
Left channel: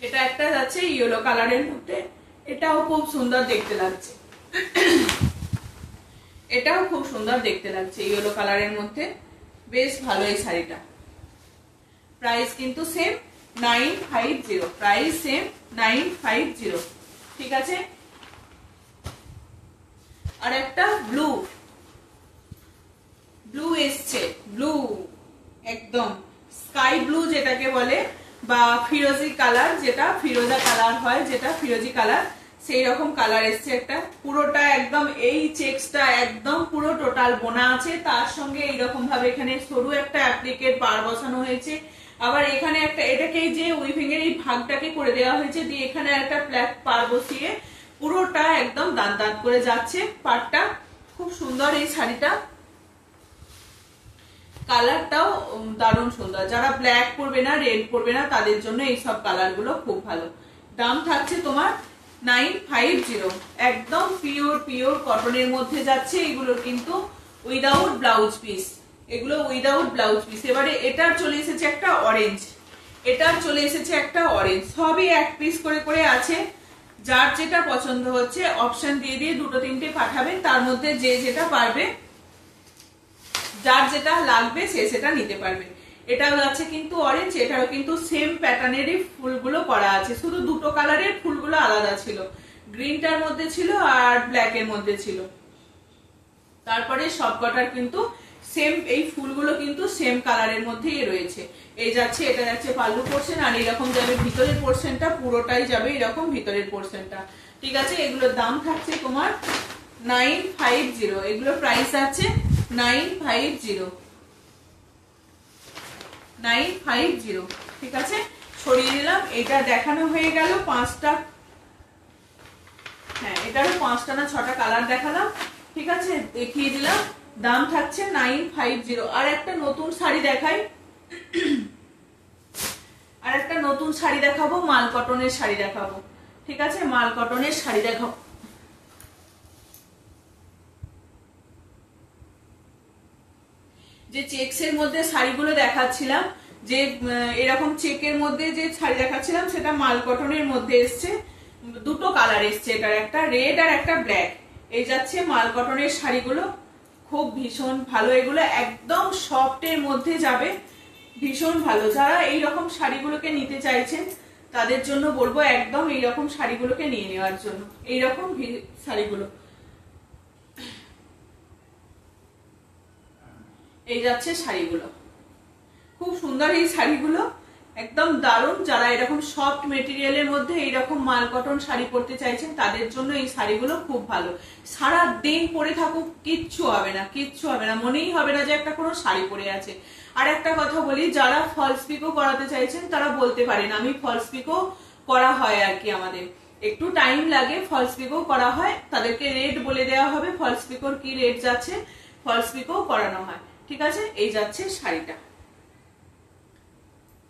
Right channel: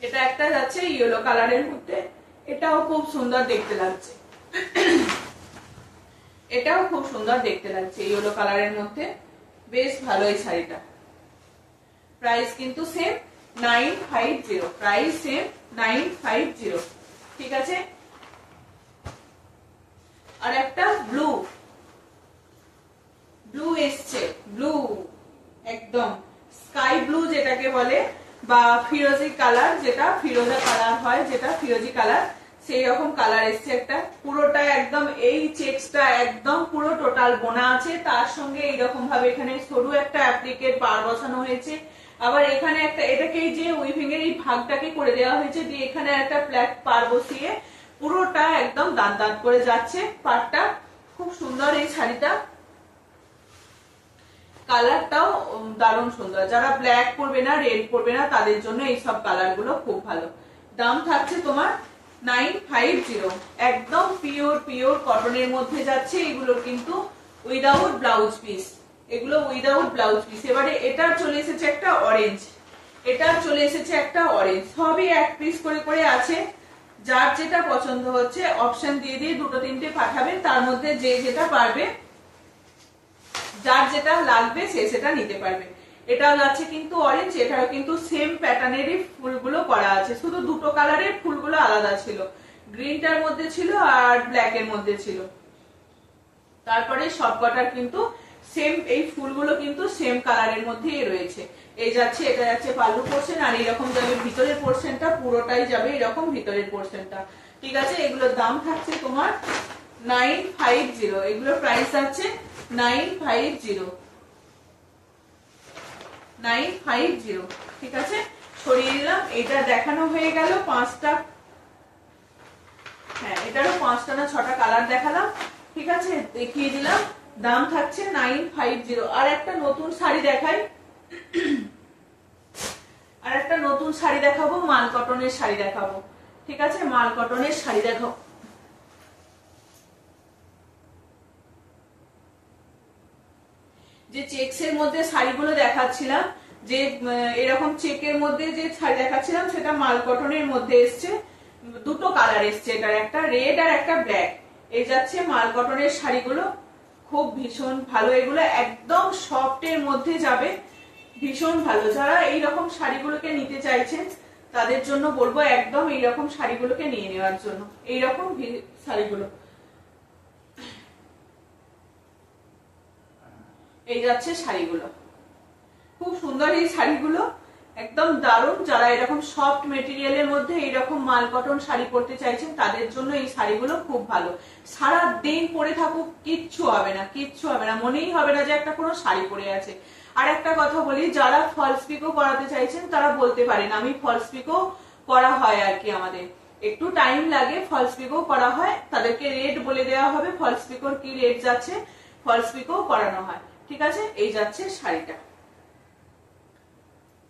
এটা একটা যাচ্ছে ইয়েলো কালারের মধ্যে, এটাও খুব সুন্দর দেখতে লাগছে, এটাও খুব সুন্দর দেখতে লাগছে ইয়েলো কালারের মধ্যে। বেশ ভালো এই শাড়িটা। প্রাইস কিন্তু সেম 950, প্রাইস সেম 950। ঠিক আছে, আর একটা ব্লু এসছে, ব্লু একদম স্কাই ব্লু যেটাকে বলে, বা ফিরোজি কালার, যেটা ফিরোজা কালার হয়, যেটা ফিরোজি কালার, সেই রকম কালার এসছে একটা। পুরোটা একদম এই চেকসটা একদম পুরো টোটাল বোনা আছে। তার সঙ্গে এইরকম ভাবে এখানে সরু একটা অ্যাপ্লিকেট পার বসানো হয়েছে। আবার এখানে একটা, এটাকে যে উইভিং এর এই ভাগটাকে করে দেওয়া হয়েছে, দিয়ে এখানে একটা ব্ল্যাক পার বসিয়ে পুরোটা একদম দাঁত করে যাচ্ছে পাড়টা। খুব সুন্দর এই শাড়িটা। কালারটাও দারুণ সুন্দর। যারা ব্ল্যাক পরবে না, রেড পরবে না, তাদের জন্য এই সব কালার গুলো খুব ভালো। দাম থাকছে তোমার 950। একদম পিওর কটনের মধ্যে যাচ্ছে এগুলো, কিন্তু উইদাউট ব্লাউজ পিস। এগুলো উইদাউট ব্লাউজ পিস। এবারে এটার চলে এসেছে একটা অরেঞ্জ, এটার চলে এসেছে একটা অরেঞ্জ। সবই এক পিস করে করে আছে। যার যেটা পছন্দ হচ্ছে অপশন দিয়ে দিয়ে দুটো তিনটে পাঠাবে, তার মধ্যে যে যেটা পারবে, যার যেটা লাগবে সে সেটা নিতে পারবে। এটাও আছে কিন্তু অরেঞ্জ, এটাও কিন্তু সেম প্যাটার্নেরই ফুলগুলো করা আছে, শুধু দুটো কালারের ফুলগুলো আলাদা ছিল, গ্রিনটার মধ্যে ছিল আর ব্ল্যাকের মধ্যে ছিল। তারপরে সবকটার কিন্তু সেম, এই ফুলগুলো কিন্তু সেম কালারের মধ্যেই রয়েছে। এই যাচ্ছে, এটা যাচ্ছে পাল্লু পোর্শন, আর এরকম যাবে ভিতরের পোর্শনটা, পুরোটাই যাবে এরকম ভিতরের পোর্শনটা। ঠিক আছে, এগুলোর দাম থাকছে তোমার 950। এগুলোর প্রাইস আছে 950। ঠিক আছে, সরিয়ে নিলাম। এটা দেখানো হয়ে গেল 5টা, হ্যাঁ এটারও 5টা না 6টা কালার দেখালাম। ঠিক আছে, দেখিয়ে দিলাম। দাম থাকছে 950। আর একটা নতুন শাড়ি দেখাই, আর একটা নতুন শাড়ি দেখাবো, মাল কটনের শাড়ি দেখাবো। ঠিক আছে, মাল কটনের শাড়ি দেখাবো। যে চেকসের মধ্যে শাড়িগুলো দেখাচ্ছিলাম, যে এরকম চেকের মধ্যে যে শাড়ি দেখাচ্ছিলাম, সেটা মাল কটনের মধ্যে এসছে। দুটো কালার এসছে, এটার একটা রেড আর একটা ব্ল্যাক। এই যাচ্ছে মাল কটনের শাড়িগুলো, খুব ভীষণ ভালো। এগুলো একদম সফটের মধ্যে যাবে, ভীষণ ভালো। যারা এইরকম শাড়িগুলোকে নিতে চাইছেন তাদের জন্য বলবো একদম এইরকম শাড়িগুলোকে নিয়ে নেওয়ার জন্য। এইরকম শাড়িগুলো, এই যাচ্ছে শাড়িগুলো, খুব সুন্দর এই শাড়িগুলো, একদম দারুণ। যারা এরকম সফট মেটেরিয়ালের মধ্যে এইরকম মাল কটন শাড়ি পরতে চাইছেন তাদের জন্য এই শাড়িগুলো খুব ভালো। সারা দিন পরে থাকুক, কিচ্ছু হবে না, কিচ্ছু হবে না, মনেই হবে না যে একটা কোনো শাড়ি পরে আছে। আর একটা কথা বলি, যারা ফলস পিকো করাতে চাইছেন তারা বলতে পারেন, আমি ফলস পিকো করা হয় আর কি, আমাদের একটু টাইম লাগে, ফলস পিকো করা হয়। তাদেরকে রেট বলে দেওয়া হবে, ফলস পিকোর কি রেট যাচ্ছে, ফলস পিকো করানো হয়। ঠিক আছে, এই যাচ্ছে শাড়িটা।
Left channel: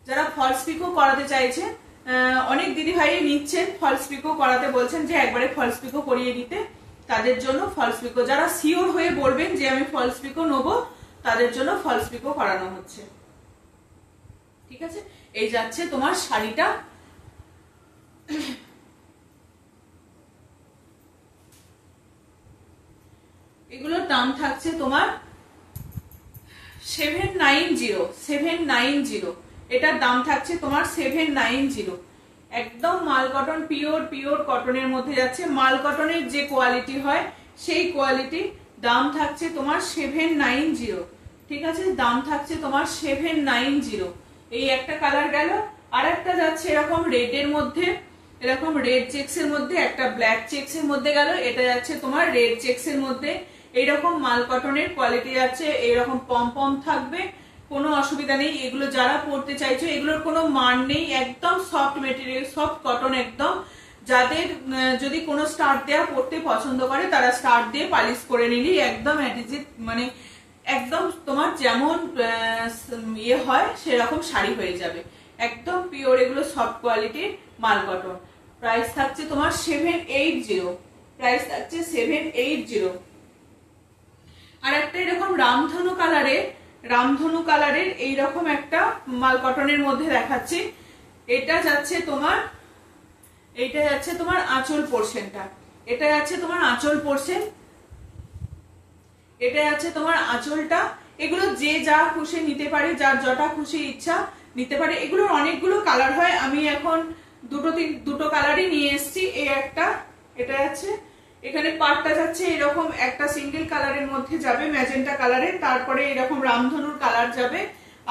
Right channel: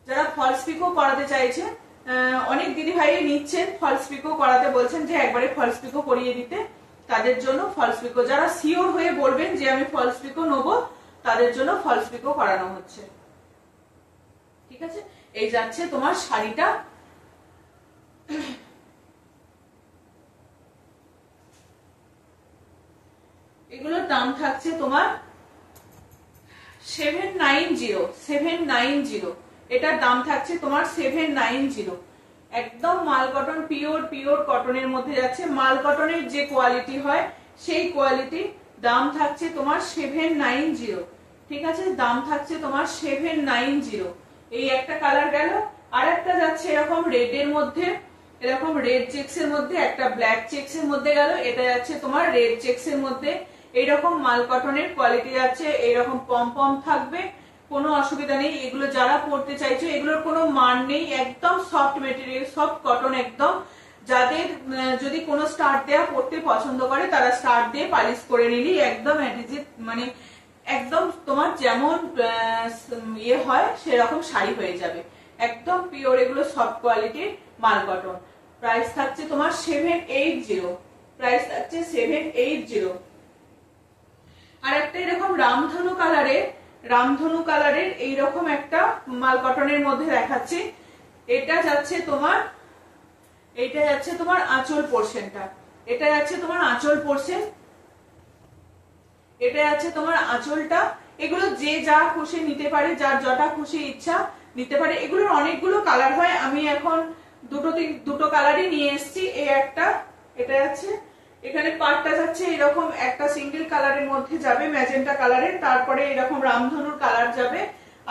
যারা ফলস পিকো করাতে চাইছে, অনেক দিদি ভাই নিচ্ছেন ফলস পিকো করাতে, বলছেন যে একবারে ফলস পিকো করিয়ে দিতে, তাদের জন্য ফলস পিকো, যারা সিওর হয়ে বলবেন যে আমি ফলস পিকো নেবো, তাদের জন্য ফলস পিকো করানো হচ্ছে। ঠিক আছে, এই যাচ্ছে তোমার শাড়িটা। এগুলোর দাম থাকছে তোমার 790। এটার দাম থাকছে তোমার 790। একদম মাল কটন, পিওর কটনের মধ্যে যাচ্ছে। মাল কটনের যে কোয়ালিটি হয় সেই কোয়ালিটি। দাম থাকছে তোমার 790। ঠিক আছে, দাম থাকছে তোমার 790। এই একটা কালার গেল, আর একটা যাচ্ছে এরকম রেড এর মধ্যে, এরকম রেড চেক্স এর মধ্যে, একটা ব্ল্যাক চেক্স এর মধ্যে গেল। এটা যাচ্ছে তোমার রেড চেক্স এর মধ্যে। এইরকম মাল কটনের কোয়ালিটি যাচ্ছে, এইরকম পম পম থাকবে, কোনো অসুবিধা নেই। এগুলো যারা পড়তে চাইছো, এগুলোর কোনো মান নেই, একদম সফট মেটেরিয়াল, সফট কটন একদম। যাদের যদি কোনো স্টার্ট দেওয়া পড়তে পছন্দ করে, তারা স্টার্ট দিয়ে পালিশ করে নিলি একদম মানে একদম তোমার যেমন ইয়ে হয় সেরকম শাড়ি হয়ে যাবে, একদম পিওর। এগুলো সফট কোয়ালিটির মাল কটন। প্রাইস থাকছে তোমার 780। প্রাইস থাকছে 780। আর একটা এরকম রামধনু কালারের এইরকম একটা মাল কটনের মধ্যে দেখাচ্ছি। এটা যাচ্ছে তোমার আঁচল পোর্শনটা, এটা যাচ্ছে তোমার আঁচল পোর্শন, এটা যাচ্ছে তোমার আঁচলটা। এগুলো যে যা খুশি নিতে পারে, যার যটা খুশি ইচ্ছা নিতে পারে। এগুলোর অনেকগুলো কালার হয়, আমি এখন দুটো কালারই নিয়ে এসেছি। এই একটা, এটা যাচ্ছে এখানে পাটটা যাচ্ছে এরকম একটা সিঙ্গেল কালারের মধ্যে যাবে, ম্যাজেন্টা কালারের, তারপরে এরকম রামধনুর কালার যাবে,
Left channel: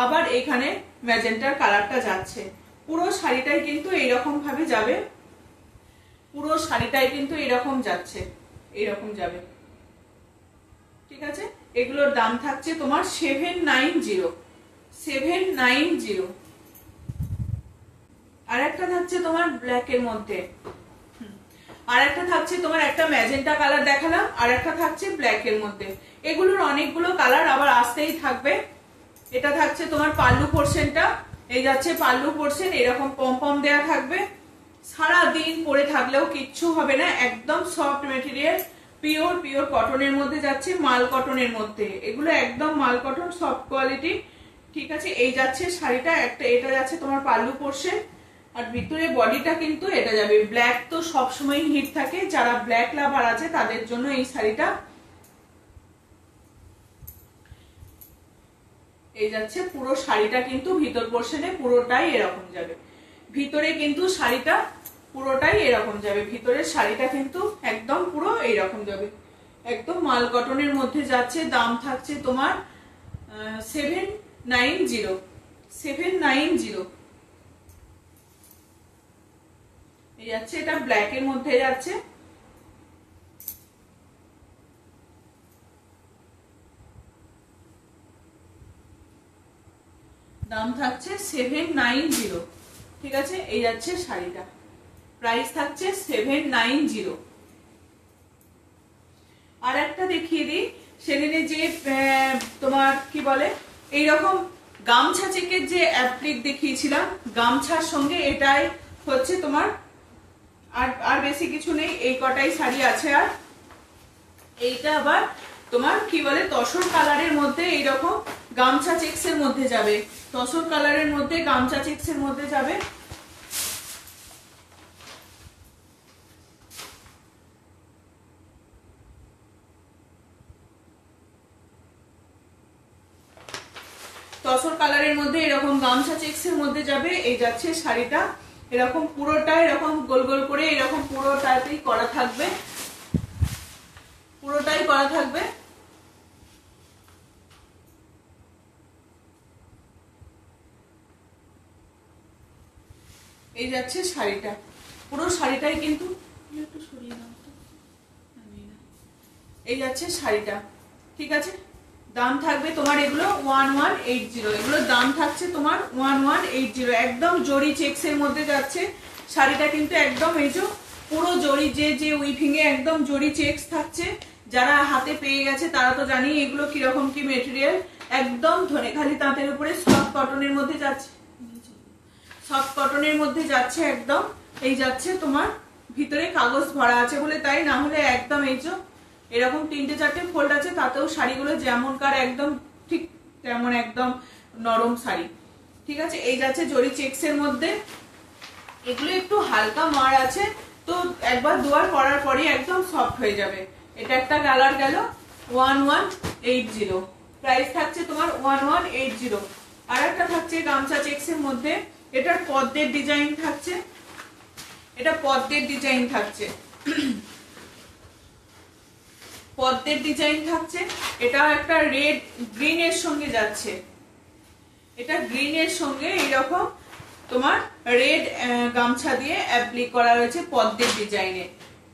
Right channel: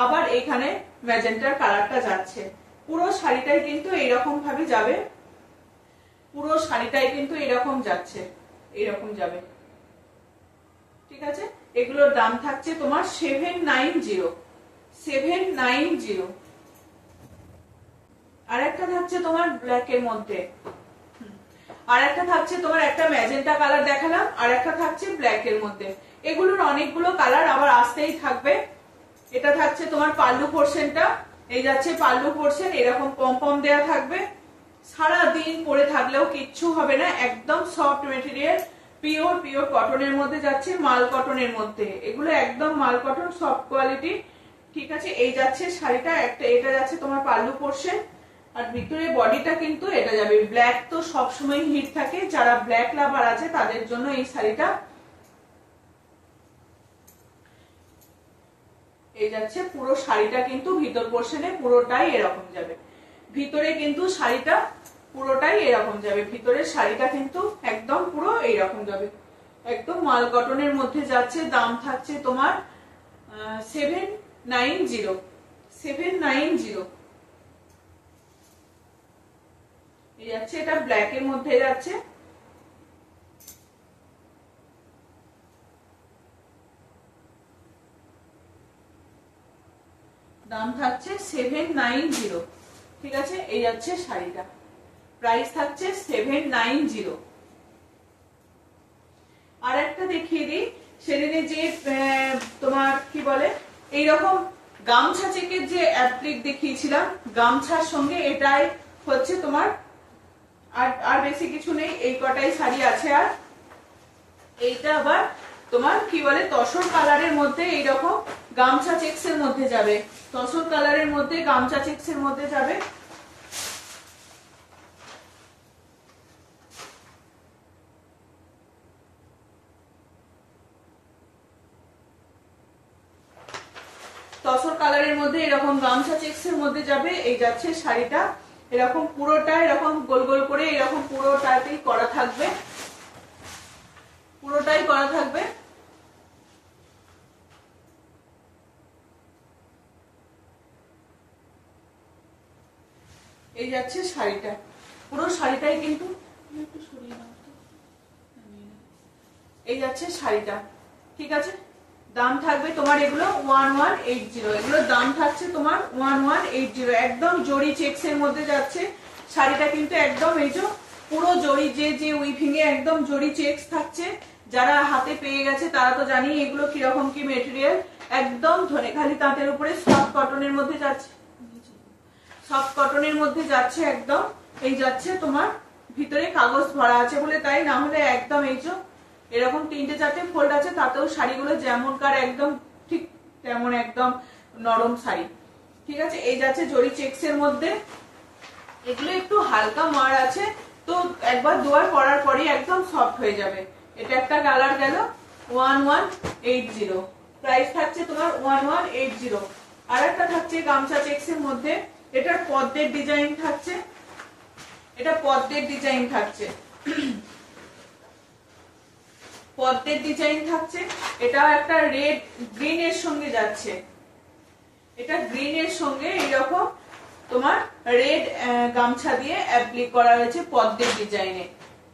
আবার এখানে ম্যাজেন্টার কালারটা যাচ্ছে। পুরো শাড়িটাই কিন্তু এইরকম ভাবে যাবে, পুরো শাড়িটাই কিন্তু এরকম যাচ্ছে, এরকম যাবে। ঠিক আছে, এগুলোর দাম থাকছে তোমার 790। আর একটা থাকছে তোমার ব্ল্যাক এর মধ্যে, আর একটা থাকছে তোমার, একটা ম্যাজেন্টা কালার দেখালাম, আর একটা থাকছে ব্ল্যাক এর মধ্যে। এগুলোর অনেকগুলো কালার আবার আসতেই থাকবে। এটা থাকছে তোমার পাল্লু পোরশনটা, এই যাচ্ছে পাল্লু পোরশন, এরকম পম পম দেয়া থাকবে। সারা দিন পরে থাকলেও কিচ্ছু হবে না, একদম সফট মেটেরিয়াল, পিওর পিওর কটনের মধ্যে যাচ্ছে, মাল কটনের মধ্যে, এগুলো একদম মাল কটন সফট কোয়ালিটি। ঠিক আছে, এই যাচ্ছে শাড়িটা একটা, এটা যাচ্ছে তোমার পাল্লু পোরশন, আর ভিতরে বডিটা কিন্তু এটা যাবে। ব্ল্যাক তো সবসময় হিট থাকে, যারা ব্ল্যাক লাভার আছে তাদের জন্য এই শাড়িটা। এই যাচ্ছে পুরো শাড়িটা কিন্তু ভিতর পোরশনে পুরোটাই এরকম যাবে, ভিতরে কিন্তু শাড়িটা পুরোটাই এরকম যাবে, ভিতরের শাড়িটা কিন্তু একদম পুরো এইরকম যাবে, একদম মাল কটনের মধ্যে যাচ্ছে। দাম থাকছে তোমার 790। এই যাচ্ছে, এটা ব্ল্যাক এর মধ্যে যাচ্ছে, দাম থাকছে 790। ঠিক আছে, এই যাচ্ছে শাড়িটা, প্রাইস থাকছে 790। আর একটা দেখিয়ে দিই, সেদিনে যে তোমার কি বলে এইরকম গামছা চেকের যে অ্যাপ্লিক দেখিয়েছিলাম, গামছার সঙ্গে এটাই হচ্ছে তোমার, আর বেশি কিছু নেই, এই কটাই শাড়ি আছে। আর এইটা আবার তোমার কি বলে তসর কালারের মধ্যে এইরকম গামছা চেক্সের মধ্যে যাবে, তসর কালারের মধ্যে গামছা চেক্সের মধ্যে যাবে। তসর কালারের মধ্যে এরকম গামছা চেক্সের মধ্যে যাবে। এই যাচ্ছে শাড়িটা, এরকম পুরোটা এরকম গোল গোল করে এরকম পুরোটাতেই করা থাকবে, পুরোটাই করা থাকবে। এই যাচ্ছে শাড়িটা, পুরো শাড়িটাই কিন্তু একটু সরিয়ে নাও, এই যাচ্ছে শাড়িটা। ঠিক আছে, দাম থাকবে তোমার এগুলো 1180, এগুলোর দাম থাকছে তোমার 1180, একদম জরি চেক্স এর মধ্যে যাচ্ছে শাড়িটা, কিন্তু একদম এই যে পুরো জরি যে উইভিং এ একদম জরি চেক্স থাকছে। যারা হাতে পেয়ে গেছে তারা তো জানি এগুলো কিরকম কি মেটেরিয়াল, একদম ধনেখালি তাঁতের উপরে সফট কটনের মধ্যে যাচ্ছে, সফট কটনের মধ্যে যাচ্ছে একদম। এই যাচ্ছে তোমার ভিতরে কাগজ ভরা আছে বলে তাই, না হলে একদম এই যে এরকম 3-4টে ফোল্ড আছে, তাতেও শাড়িগুলো যেমনকার একদম ঠিক তেমন একদম নরম শাড়ি। ঠিক আছে, এই যাচ্ছে জরি চেক্স এর মধ্যে, এগুলো একটু হালকা মার আছে, তো একবার দুবার পরার পরে একদম সফট হয়ে যাবে। এটা একটা কালার গেল 1180, প্রাইস থাকছে তোমার 1180। আর একটা থাকছে গামছা চেক্স এর মধ্যে, এটার পদ্মের ডিজাইন থাকছে, এটা পদ্মের ডিজাইন থাকছে, পদ্মের ডিজাইন থাকছে। এটা একটা রেড গ্রিন এর সঙ্গে যাচ্ছে, এটা গ্রিন এর সঙ্গে এইরকম তোমার রেড গামছা দিয়ে অ্যাপ্লিক করা রয়েছে, পদ্মের ডিজাইনে,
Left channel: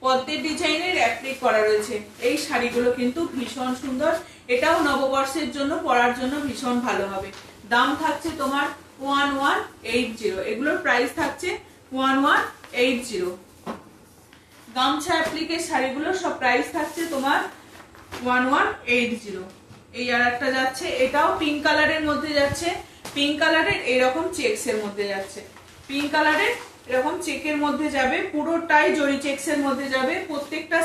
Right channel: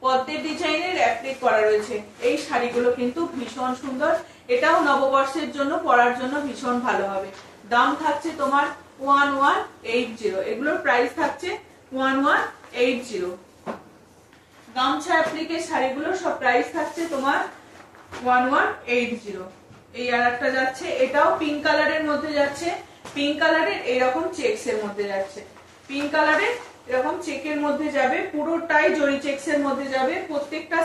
পদ্মের ডিজাইনের অ্যাপ্লিক করা রয়েছে। এই শাড়িগুলো কিন্তু ভীষণ সুন্দর, এটাও নববর্ষের জন্য পরার জন্য ভীষণ ভালো হবে। দাম থাকছে তোমার 1180, এগুলোর প্রাইস থাকছে 1180। গামছা অ্যাপ্লিকের শাড়িগুলোর সব প্রাইস থাকছে তোমার 1180। এই আর একটা যাচ্ছে, এটাও পিঙ্ক কালারের মধ্যে যাচ্ছে, পিঙ্ক কালারের এরকম চেক্স এর মধ্যে যাচ্ছে, পিঙ্ক কালারের এরকম চেকের মধ্যে যাবে, পুরোটাই জরি চেক্স এর মধ্যে যাবে। প্রত্যেকটা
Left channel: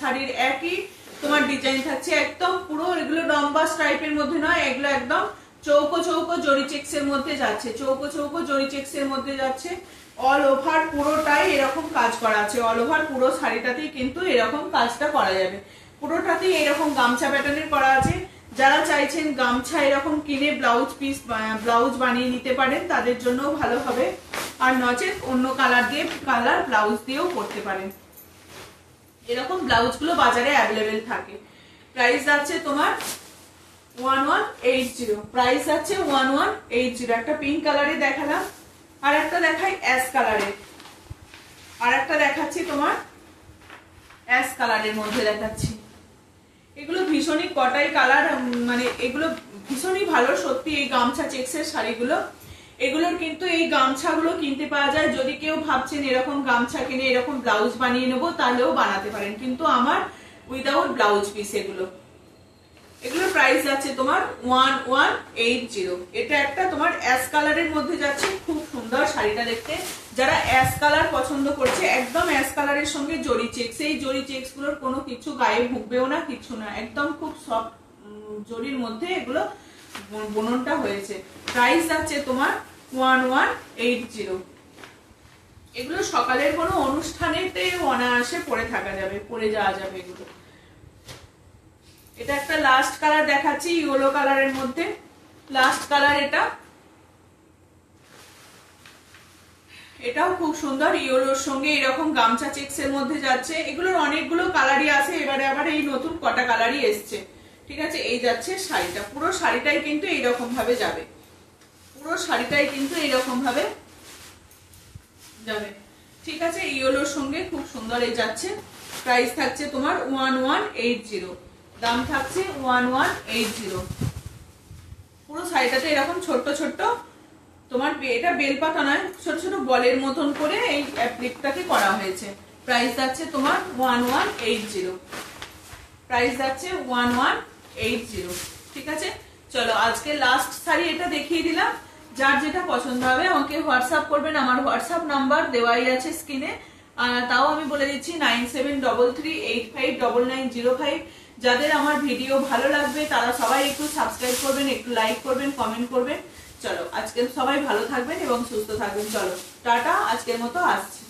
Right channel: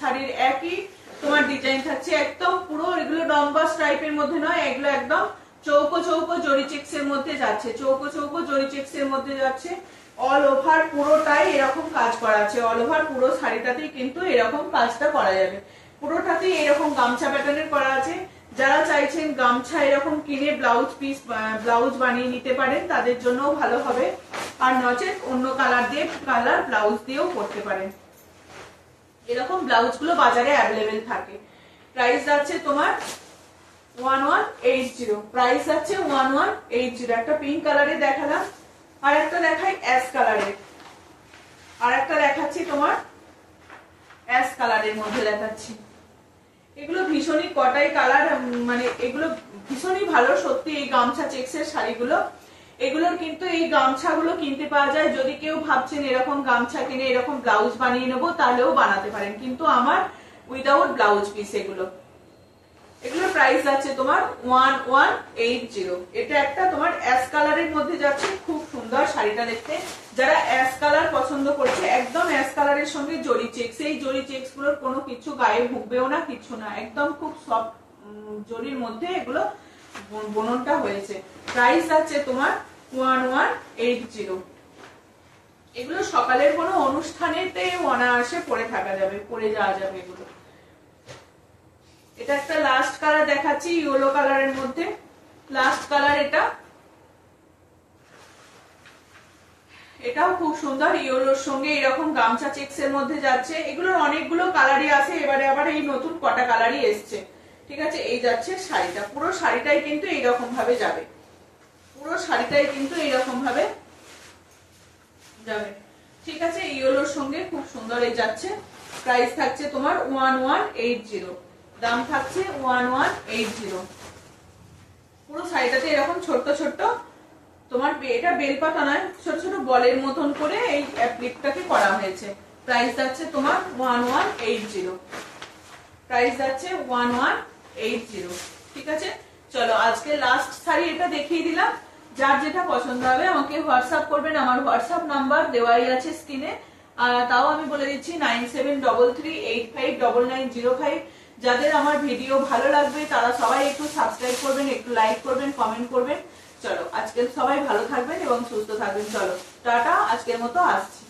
শাড়ির একই তোমার ডিজাইন থাকছে, একদম পুরো এগুলো রম্বাস টাইপের মধ্যে নয়, এগুলো একদম চৌকো চৌকো জরি চেক্স এর মধ্যে যাচ্ছে, চৌকো চৌকো জরি চেক্স এর মধ্যে যাচ্ছে। অল ওভার পুরোটাই এরকম কাজ করা আছে, অল ওভার পুরো শাড়িটাতেই কিন্তু এরকম কাজটা করা যাবে, পুরোটাতেই এরকম গামছা প্যাটার্নের করা আছে। যারা চাইছেন গামছা এরকম কিনে ব্লাউজ বানিয়ে নিতে পারেন, তাদের জন্য ভালো হবে। আর নচেত অন্য কালার ব্লাউজ দিয়েও করতে পারেন, এরকম ব্লাউজ গুলো বাজারে অ্যাভেলেবেল থাকে। প্রাইস যাচ্ছে তোমার 1180, প্রাইস যাচ্ছে 1180। একটা পিঙ্ক কালারে দেখালাম, আর একটা দেখাই অ্যাশ কালারে, আর একটা দেখাচ্ছি তোমার অ্যাশ কালারের মধ্যে দেখাচ্ছি। এগুলো ভীষণই কটাই কালার, মানে এগুলো ভীষণই ভালো সত্যি। এই গামছা চেক্সের শাড়িগুলো, এগুলোর কিন্তু এই গামছাগুলো কিনতে পাওয়া যায়। যদি কেউ ভাবছেন এরকম গামছা কিনে এরকম ব্লাউজ বানিয়ে নেবো, তাহলেও বানাতে পারেন, কিন্তু আমার উইদাউট ব্লাউজ পিস এগুলো। এগুলোর প্রাইস আছে তোমার 1180। এটা একটা তোমার অ্যাশ কালারের মধ্যে যাচ্ছে, খুব সুন্দর শাড়িটা দেখতে। যারা অ্যাশ কালার পছন্দ করছে, একদম অ্যাশ কালারের সঙ্গে জরি চেক্স, এই জরি চেক্স গুলোর কোনো কিছু গায়ে ভুগবেও না, কিছু না, একদম খুব সফট জরির মধ্যে এগুলো বুননটা হয়েছে। প্রাইস আছে তোমার 1180। এগুলো সকালের কোনো অনুষ্ঠানেতে অনায়াসে পরে থাকা যাবে, পরে যাওয়া যাবে এগুলো। এটা একটা লাস্ট কালার দেখাচ্ছি, ইয়েলো কালারের মধ্যে লাস্ট কালার এটা। এটাও খুব সুন্দর, ইয়েলোর সঙ্গে এরকম গামছা চেক্স এর মধ্যে যাচ্ছে। এগুলোর অনেকগুলো কালারই আছে, এবারে আবার এই নতুন কটা কালারই এসছে। ঠিক আছে, এই যাচ্ছে শাড়িটা, পুরো শাড়িটাই কিন্তু এইরকম ভাবে যাবে, পুরো শাড়িটাই কিন্তু এইরকম ভাবে যাবে। ঠিক আছে, ইয়েলোর সঙ্গে খুব সুন্দর এই যাচ্ছে। প্রাইস থাকছে তোমার 1180, দাম থাকছে 1180। পুরো শাড়িটাতে এরকম ছোট্ট ছোট্ট তোমার, এটা বেলপাতা নয়, ছোট ছোট বলের মতন করে এই অ্যাপ্লিকটাকে করা হয়েছে। প্রাইস যাচ্ছে তোমার 1180, প্রাইস যাচ্ছে 1180। ঠিক আছে, চলো আজকে লাস্ট শাড়ি এটা দেখিয়ে দিলাম। যার যেটা পছন্দ হবে আমাকে হোয়াটসঅ্যাপ করবেন, আমার হোয়াটসঅ্যাপ নাম্বার দেওয়াই আছে স্ক্রিনে। তাও আমি বলে দিচ্ছি 9733859905। যাদের আমার ভিডিও ভালো লাগবে তারা সবাই একটু সাবস্ক্রাইব করবেন, একটু লাইক করবেন, কমেন্ট করবেন। চলো আজকে সবাই ভালো থাকবেন এবং সুস্থ থাকবেন। চলো টাটা, আজকের মতো আসছি।